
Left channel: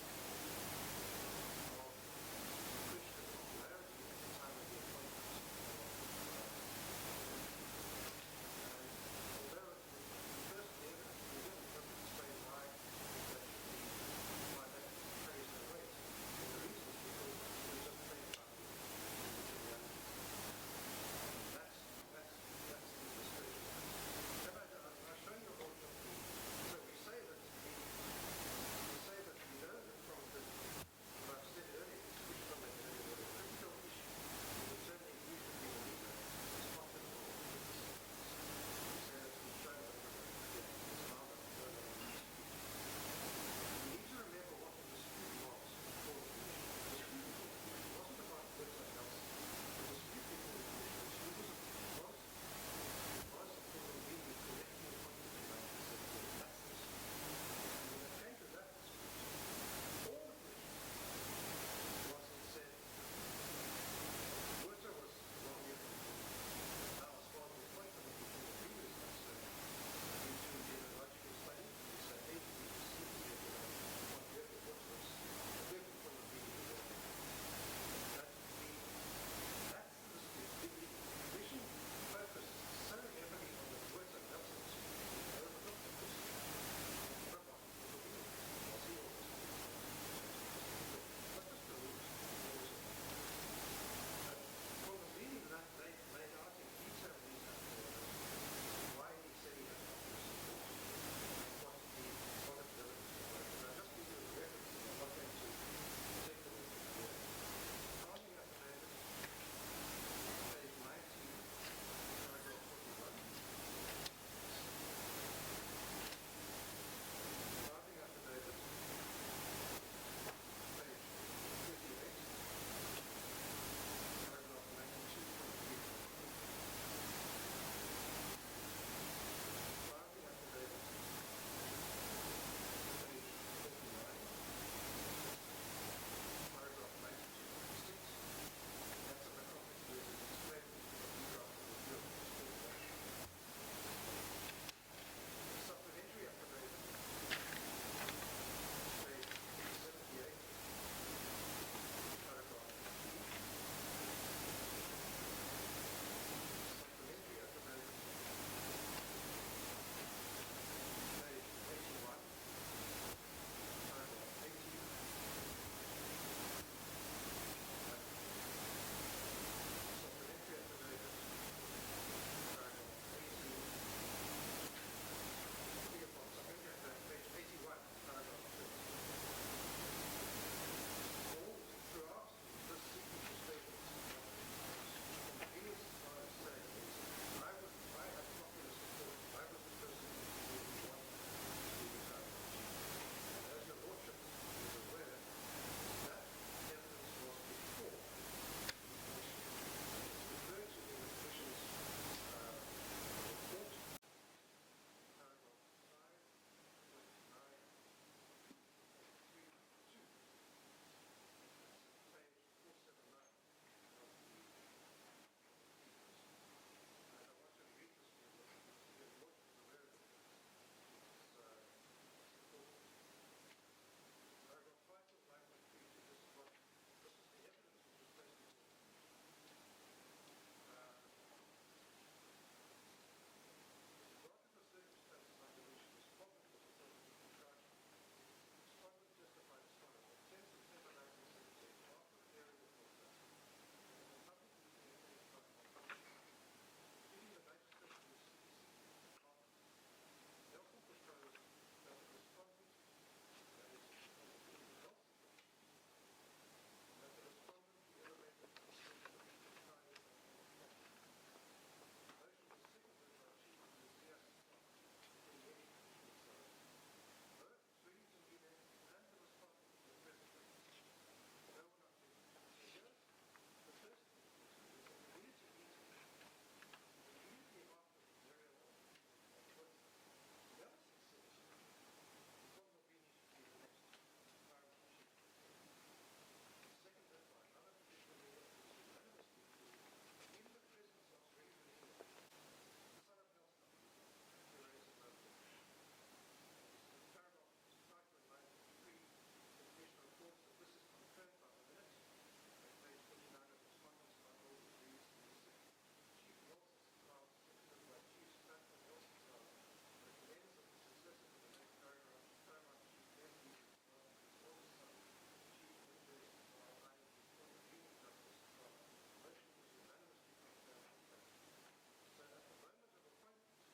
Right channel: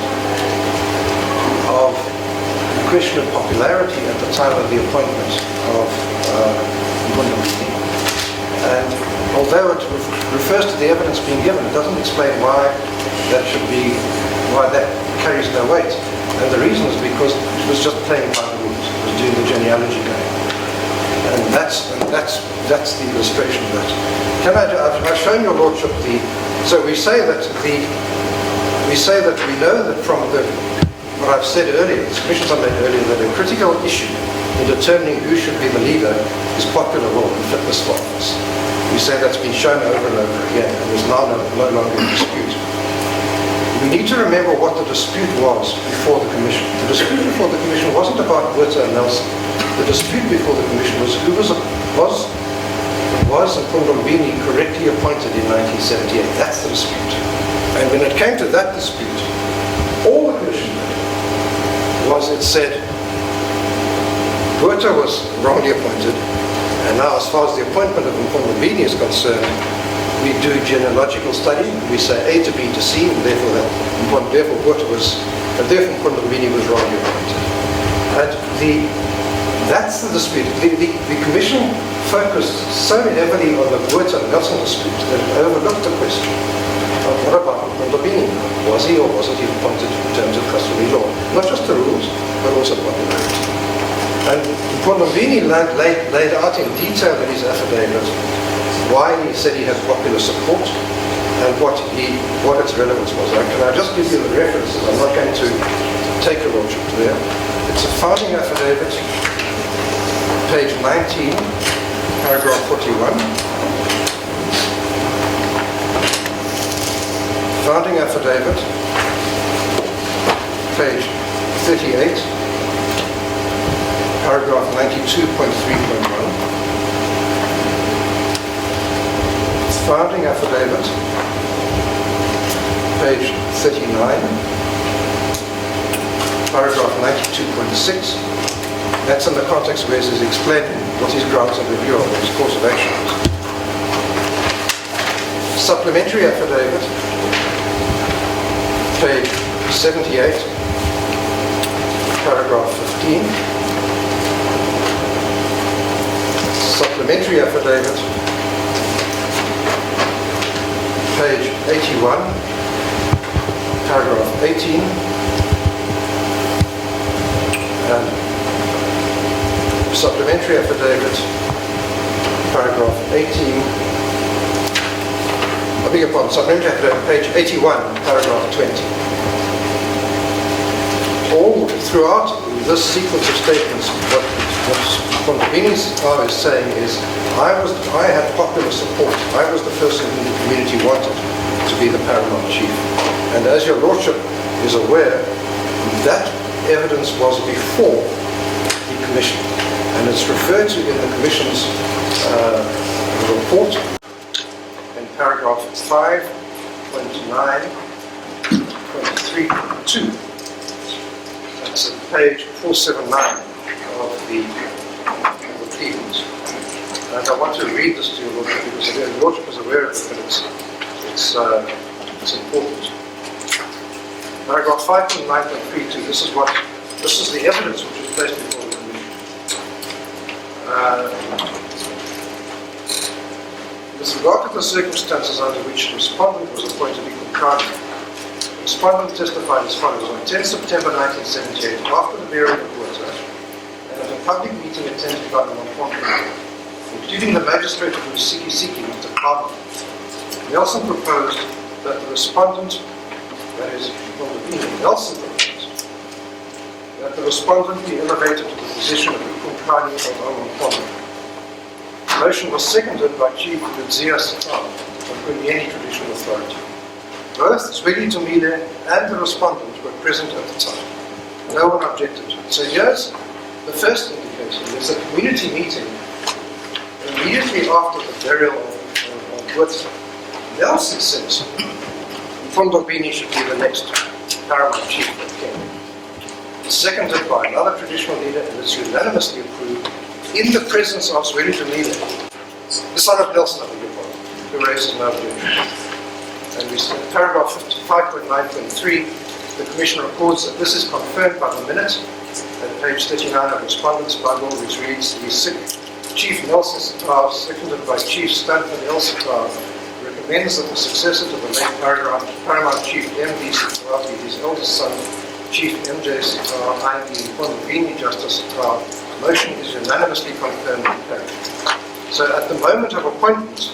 of the question of popularity at the time of the appointment of AmaMpondo. And although it refers to the evidence being given, it doesn't explain why that carries no weight. And the reason is because it was just playing by the rules. It was doing the genealogy game. And that's the illustration of that. I've shown your Lordship so we say that we know that from what I've said earlier, the submissions I made earlier, that a critical issue in determining who should be the leader is popular will and fitness for office. We say that's been shown over and over again, and there's now no longer a dispute. We need to remember what the dispute was before the Commission. The dispute before the Commission wasn't about Botha and Nelson. The dispute before the Commission was was AmaMpondo correctly appointed in 1978? That's the dispute. And when it came to that dispute, all the Commission did was it said Botha was wrongly appointed, and now as far as the appointment of AmaMpondo is concerned, we do genealogical study. We say A to B to C, and therefore AmaMpondo was wrongly appointed. And that's the dispute. The Commission focused so heavily on the Botha and Nelson dispute that it overlooked the question of what about AmaMpondo? Was he or wasn't he appointed in terms of customary law? Not just the rules, but also popularity. And AmaMpondo laid out in detail in his affidavit why he said he had popular support and what its relevance was. Can I just give you the references? I'm not going to take a Lordship there. It's a founding affidavit, page 19, paragraph 41. Founding affidavit, page 38, paragraph 92.3.1. founding affidavit, page 39, paragraph 92.6. That's in the context where he's explaining what his grounds of review are, what his course of action is. Supplementary affidavit, page 78, paragraph 15. Supplementary affidavit, page 81, paragraph 18, and supplementary affidavit, paragraph 18, I beg your pardon, supplementary affidavit, page 81, paragraph 20. All throughout this sequence of statements, what Qaukeni is saying is, I had popular support. I was the person who the community wanted to be the paramount chief. And as your lordship is aware, that evidence was before the commission. And it's referred to in the commission's report in paragraph 5.9.3.2. That's at page 479 of the pleadings. And I want to read this to your lordship because your lordship is aware of it, but it's important. Paragraph 5.9.32. This is the evidence which was placed before the commission. With regard to the circumstances under which the respondent was appointed equal counsel, the respondent testified as follows: on 10 September 1978, after the bearing of water, and at a public meeting attended by AmaMpondo, including the magistrate of Lombekiso, Mr. Qaukeni, Nelson proposed that the respondent, that is, Nelson proposed that the respondent be elevated to the position of Qaukeni of AmaMpondo. The motion was seconded by Chief Wezizwe of Qaukeni Traditional Authority. Both Zweli and the respondent were present at the time. No one objected. So here's the first indication. There's a community meeting immediately after the burial of Wezizwe. Nelson says Qaukeni should be the next paramount chief of Kenya. It's seconded by another traditional leader and it's unanimously approved in the presence of Zweli, the son of Nelson, I beg your pardon, who raises no objection. And we see in paragraph 5.9.3, the Commission records that this is confirmed by the minute at page 39 of Respondent's Bundle, which reads, the Chief Nelson Sigcau, seconded by Chief Stanford L. Sigcau, recommends that the successor to the late Paramount Chief M.D. Sigcau be his eldest son, Chief M.J. Sigcau, i.e. Qaukeni Justice Sigcau. The motion is unanimously confirmed and carried. So at the moment of appointment,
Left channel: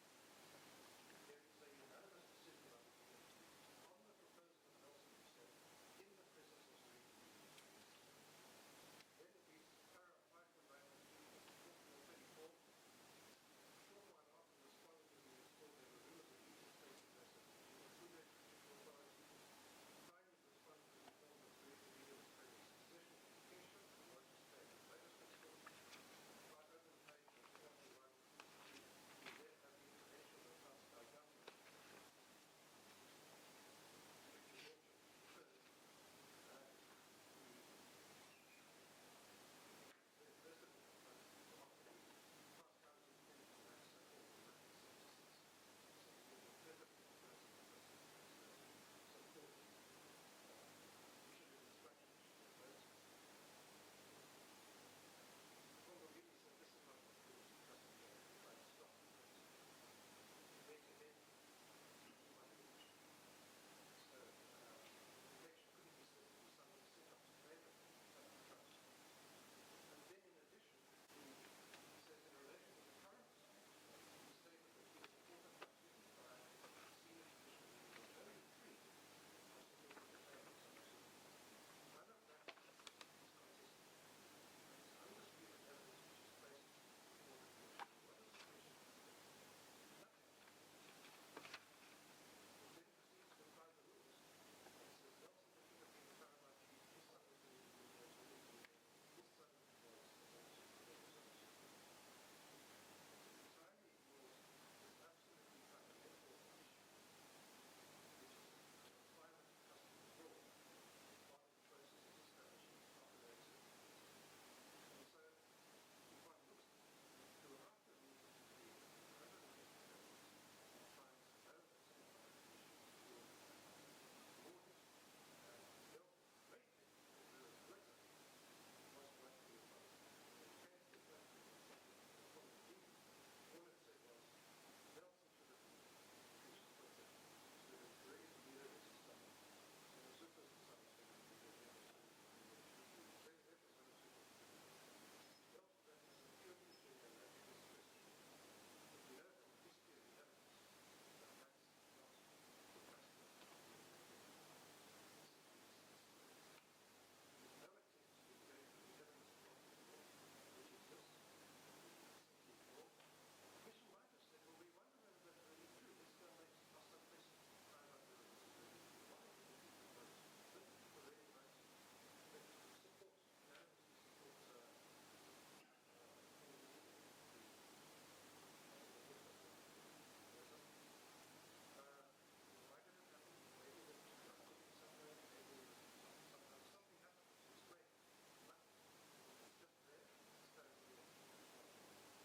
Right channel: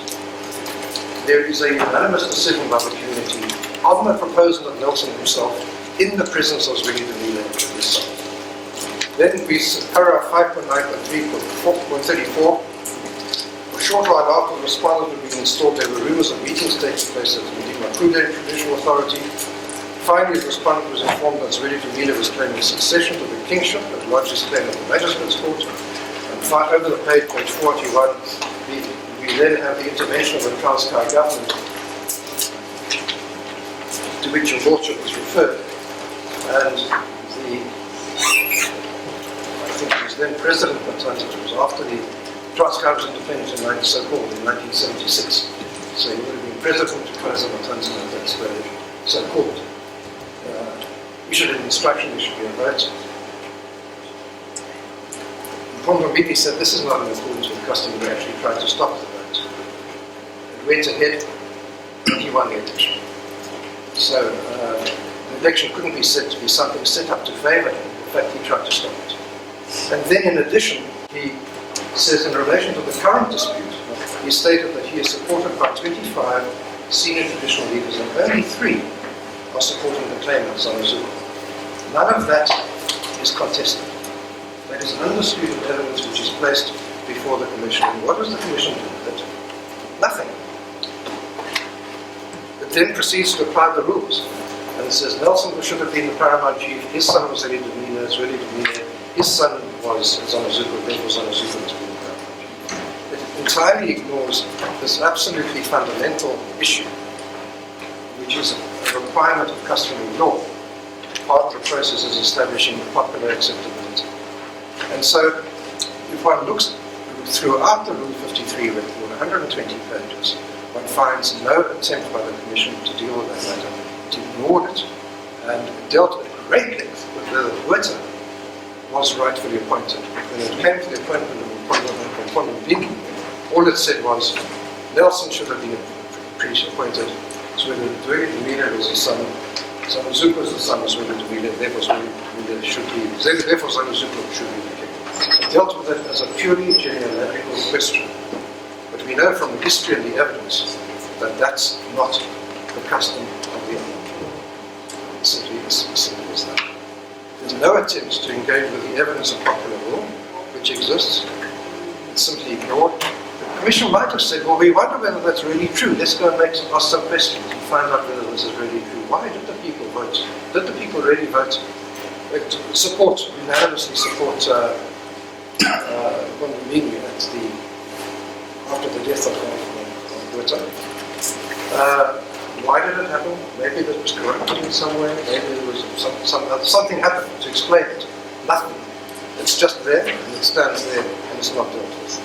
there is a unanimous decision by the community on the proposal of Nelson himself in the presence of Zweli and his son. Then we paragraph 5.9.3.34. A short while after the respondent had been installed, there were rumors of meetings taking place at the AmaMpondo Traditional Authority. Finally, the respondent was informed that Zweli was claiming succession to the kingship and lodged his claim at the magistrate's court. And over the page 41, we then have the intervention of the Transkei government, to which your lordship was referred. And I think he was then president of Matanza. It was after the Transkei was independent in 1976. So he would have been president of Matanza at that stage, so-called. Issued an instruction, there should be a vote. Qaukeni said this is not in accordance with custom, and actually tried to stop the vote. It went ahead, and he won the election. So the election couldn't be said to be something set up to favour him. In fact, he tried to stop it. And then in addition, he says in relation to the current dispute, he stated that he is supported by 25 senior traditional leaders and only 3 are supporting the claim of Zanozuko. None of that is contested. That is undisputed evidence which is placed before the Commission. And what does the Commission do with it? Nothing. It then proceeds to apply the rules. And it says Nelson should have been the paramount chief, his son was Zweli, his son was Zanozuko, therefore Zanozuko was being the paramount chief. It entirely ignores this absolutely fundamental issue, which is a requirement of customary law. Part of the process is establishing popular acceptability. And so, if one looks throughout the Rule 53 record, 120 pages, one finds no attempt by the Commission to deal with that matter. It ignored it and dealt at great length with whether Botha was rightfully appointed. When it came to the appointment of AmaMpondo, all it said was Nelson should have been appointed, Zweli was the son, Zanozuko was the son of Zweli, therefore Zweli should be, therefore Zanozuko should be the king. It dealt with it as a purely genealogical question. But we know from the history and the evidence that that's not the custom of the AmaMpondo. It's simply as simple as that. There's no attempt to engage with the evidence of popular law, which exists. It's simply ignored. The Commission might have said, well, we wonder whether that's really true. Let's go and ask some questions and find out whether this is really true. Why did the people vote? Did the people really vote? Unanimously support Lombekiso after the death of Botha. Why did it happen? Maybe it was corrupted in some way. Maybe there was something happened to explain it. Nothing. It's just there, and it stands there, and it's not dealt with.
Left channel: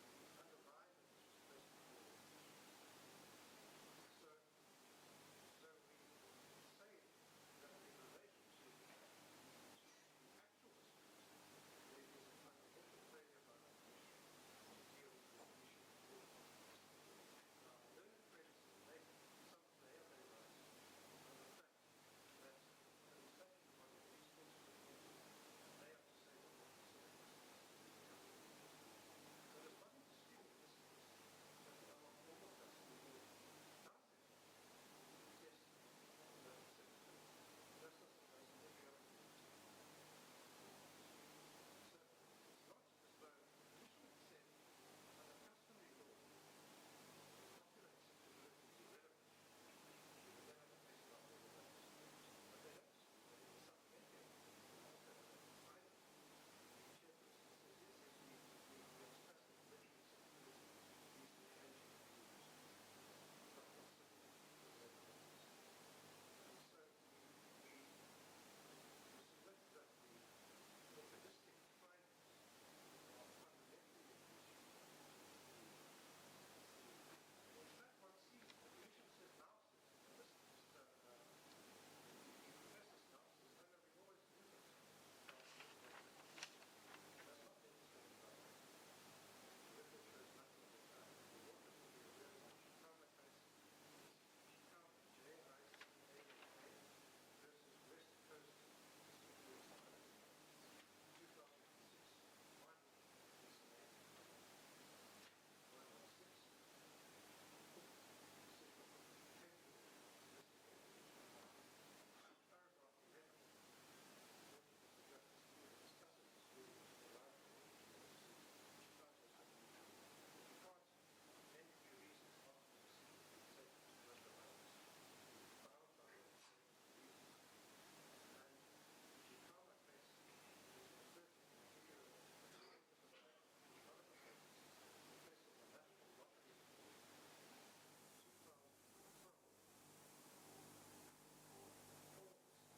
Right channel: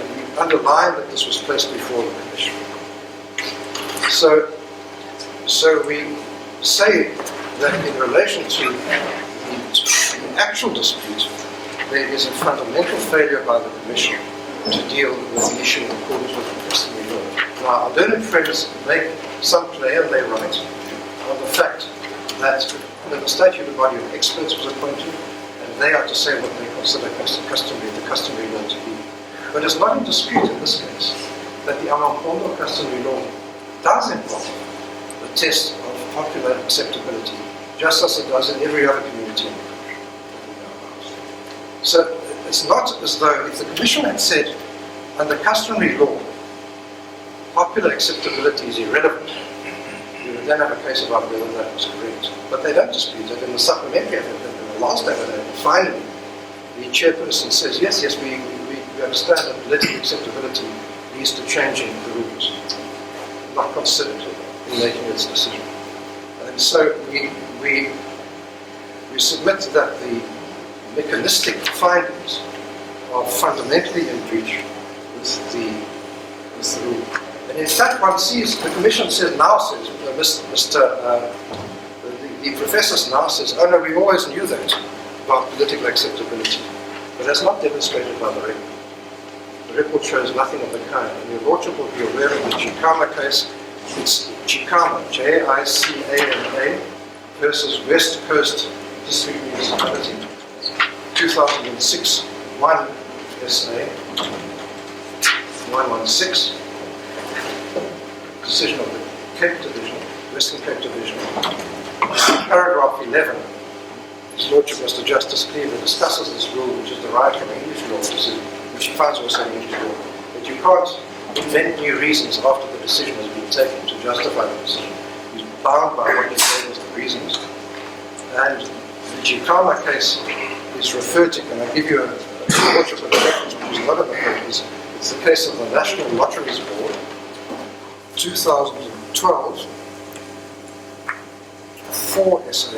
And we underline that this was placed before the Commission. So we say that in relation to the actual dispute, there is a fundamental failure by the Commission to deal with the issue in accordance with the customary law. Now, our learned friends make some play, and they write, on the fact that the statutory body of experts was appointed, and they are to say what they consider the customary law to be. But it's not in dispute in this case that the AmaMpondo customary law does involve the test of popular acceptability, just as it does in every other community in the country. So it's not as though if the Commission had said, under customary law, popular acceptability is irrelevant, we would then have a case about whether that was correct. But they don't dispute it. In the supplementary affidavit, in the last affidavit, finally, the chairperson says, yes, we understand that political acceptability leads to changing the rules, not considered in making its decision. And so we submit that the mechanistic findings are fundamentally in breach with the rule. And in fact, one sees, the Commission the professor now says, oh no, we always knew that about political acceptability. But that's not demonstrated by the record. The record shows nothing of the kind. And your Lordship will be aware of the Chicama case. It's Chicama, Jicama versus West Coast District Municipality, 2006, 1 SA, 116. Decision of the Cape Division, Western Cape Division. Paragraph 11, His Lordship Mr. Justice Cleaver discusses this rule, which is derived from English law, which he finds also in English law, that you can't invent new reasons after the decision has been taken to justify the decision. He's bound by what you say as the reasons. And the Chicama case is referred to, and I give you a Lordship of the reference, which is not in the papers. It's the case of the National Lotteries Board, 2012, 4 SA,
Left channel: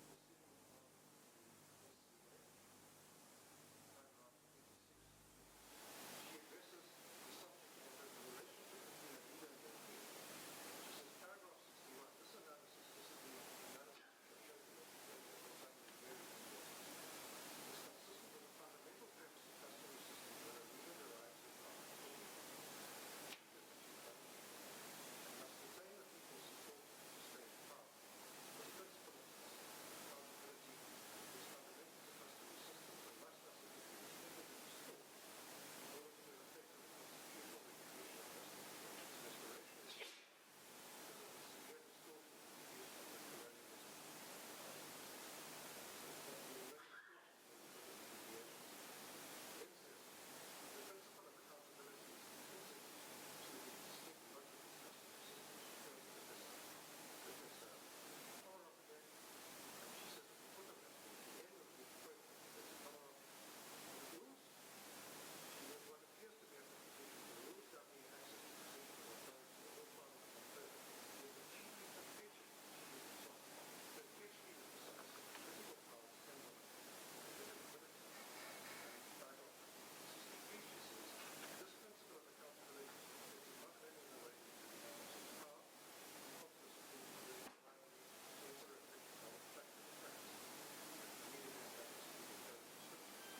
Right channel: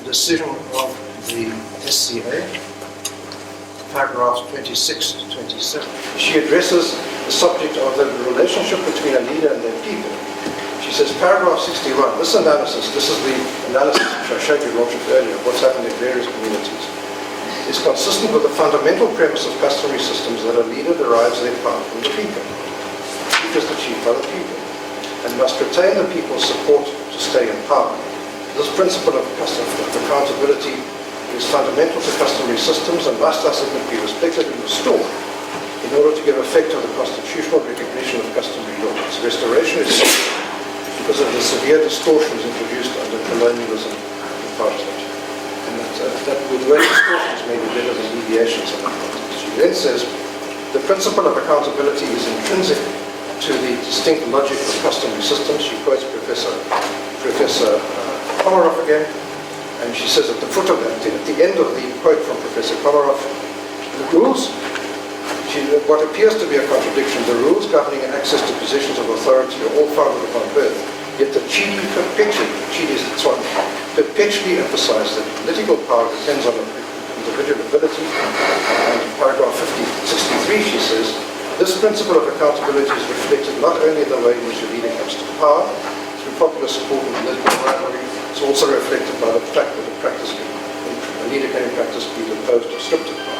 a decision of the SCA, paragraphs 26 to 27. She addresses the subject of the relationship between a leader and their people. She says, paragraph 61, this is the analysis which I showed you, Lordship, earlier, of what's happened in various communities, is consistent with the fundamental premise of customary systems that a leader derives their power from the people. Is achieved by the people, and must retain the people's support to stay in power. This principle of accountability is fundamental to customary systems and must thus be respected and restored in order to give effect to the constitutional recognition of customary law. Its restoration is because of the severe distortions introduced under colonialism and Apartheid. And that with the way distortions may be better than deviations in Apartheid. She then says, the principle of accountability is intrinsic to the distinct logic of customary systems. She quotes Professor Komarov again, and she says at the foot of that, at the end of the quote from Professor Komarov, the rules what appears to be a contradiction, the rules governing access to positions of authority are all founded upon birth, yet the treaty perpetually emphasizes that political power depends on individual ability. And in paragraph 63, she says, this principle of accountability is reflected not only in the way in which a leader comes to power, through popular support and political rivalry, it's also reflected by the fact that a leader can in practice be deposed or stripped of power.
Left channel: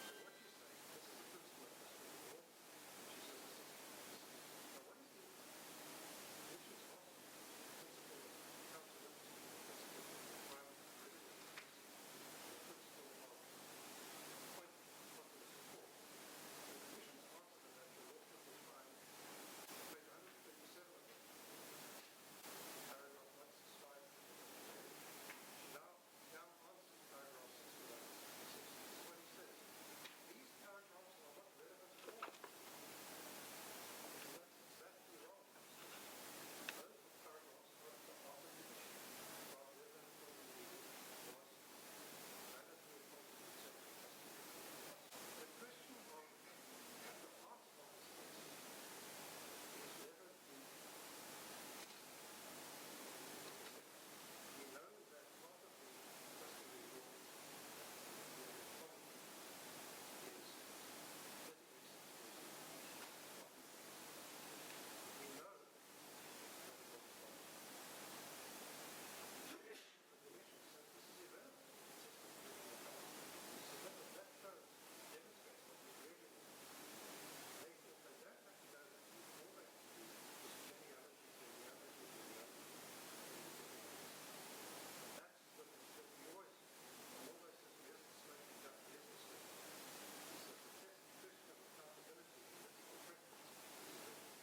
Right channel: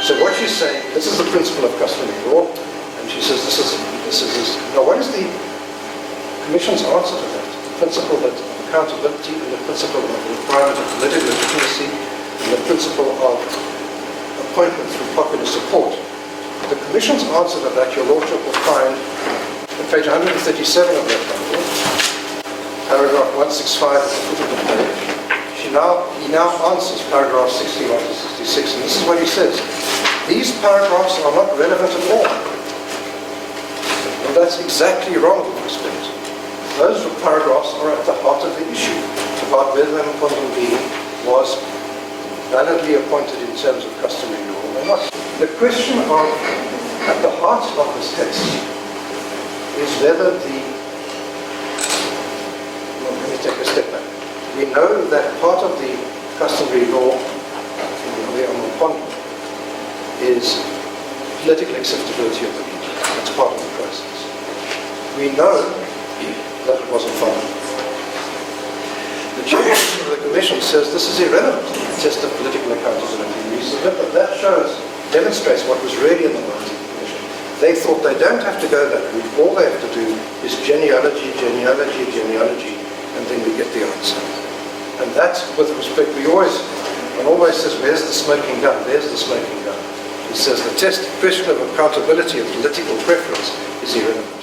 So what she's saying, this is the principle of customary law, and she says this is. Now what is the Commission's answer to that? The principle of accountability and the principle of the requirement of political legitimacy and the principle of appointment through popular support. The Commission's answer to that, Your Lordship will find on page 137 of that document, paragraph 165 at the foot of the page. He now answers paragraph 61 to 66, and this is what he says. These paragraphs are not relevant at all. And that's exactly wrong with respect. Those paragraphs are at the heart of the issue about whether AmaMpondo was validly appointed in terms of customary law or not. The question at the heart of this case is whether let me take a step back. We know that part of the customary law in the AmaMpondo is political acceptability of the leader. That's part of the process. We know that it wasn't followed. The chairperson of the Commission says this is irrelevant to the test of political accountability. We submit that demonstrates what was really in the minds of the Commission. They thought they don't have to go that route. All they have to do is genealogy, and then we get the answer. And that's, with respect, one always says, where's the smoking gun? There's the smoking gun. He says the question of accountability of political preference is irrelevant.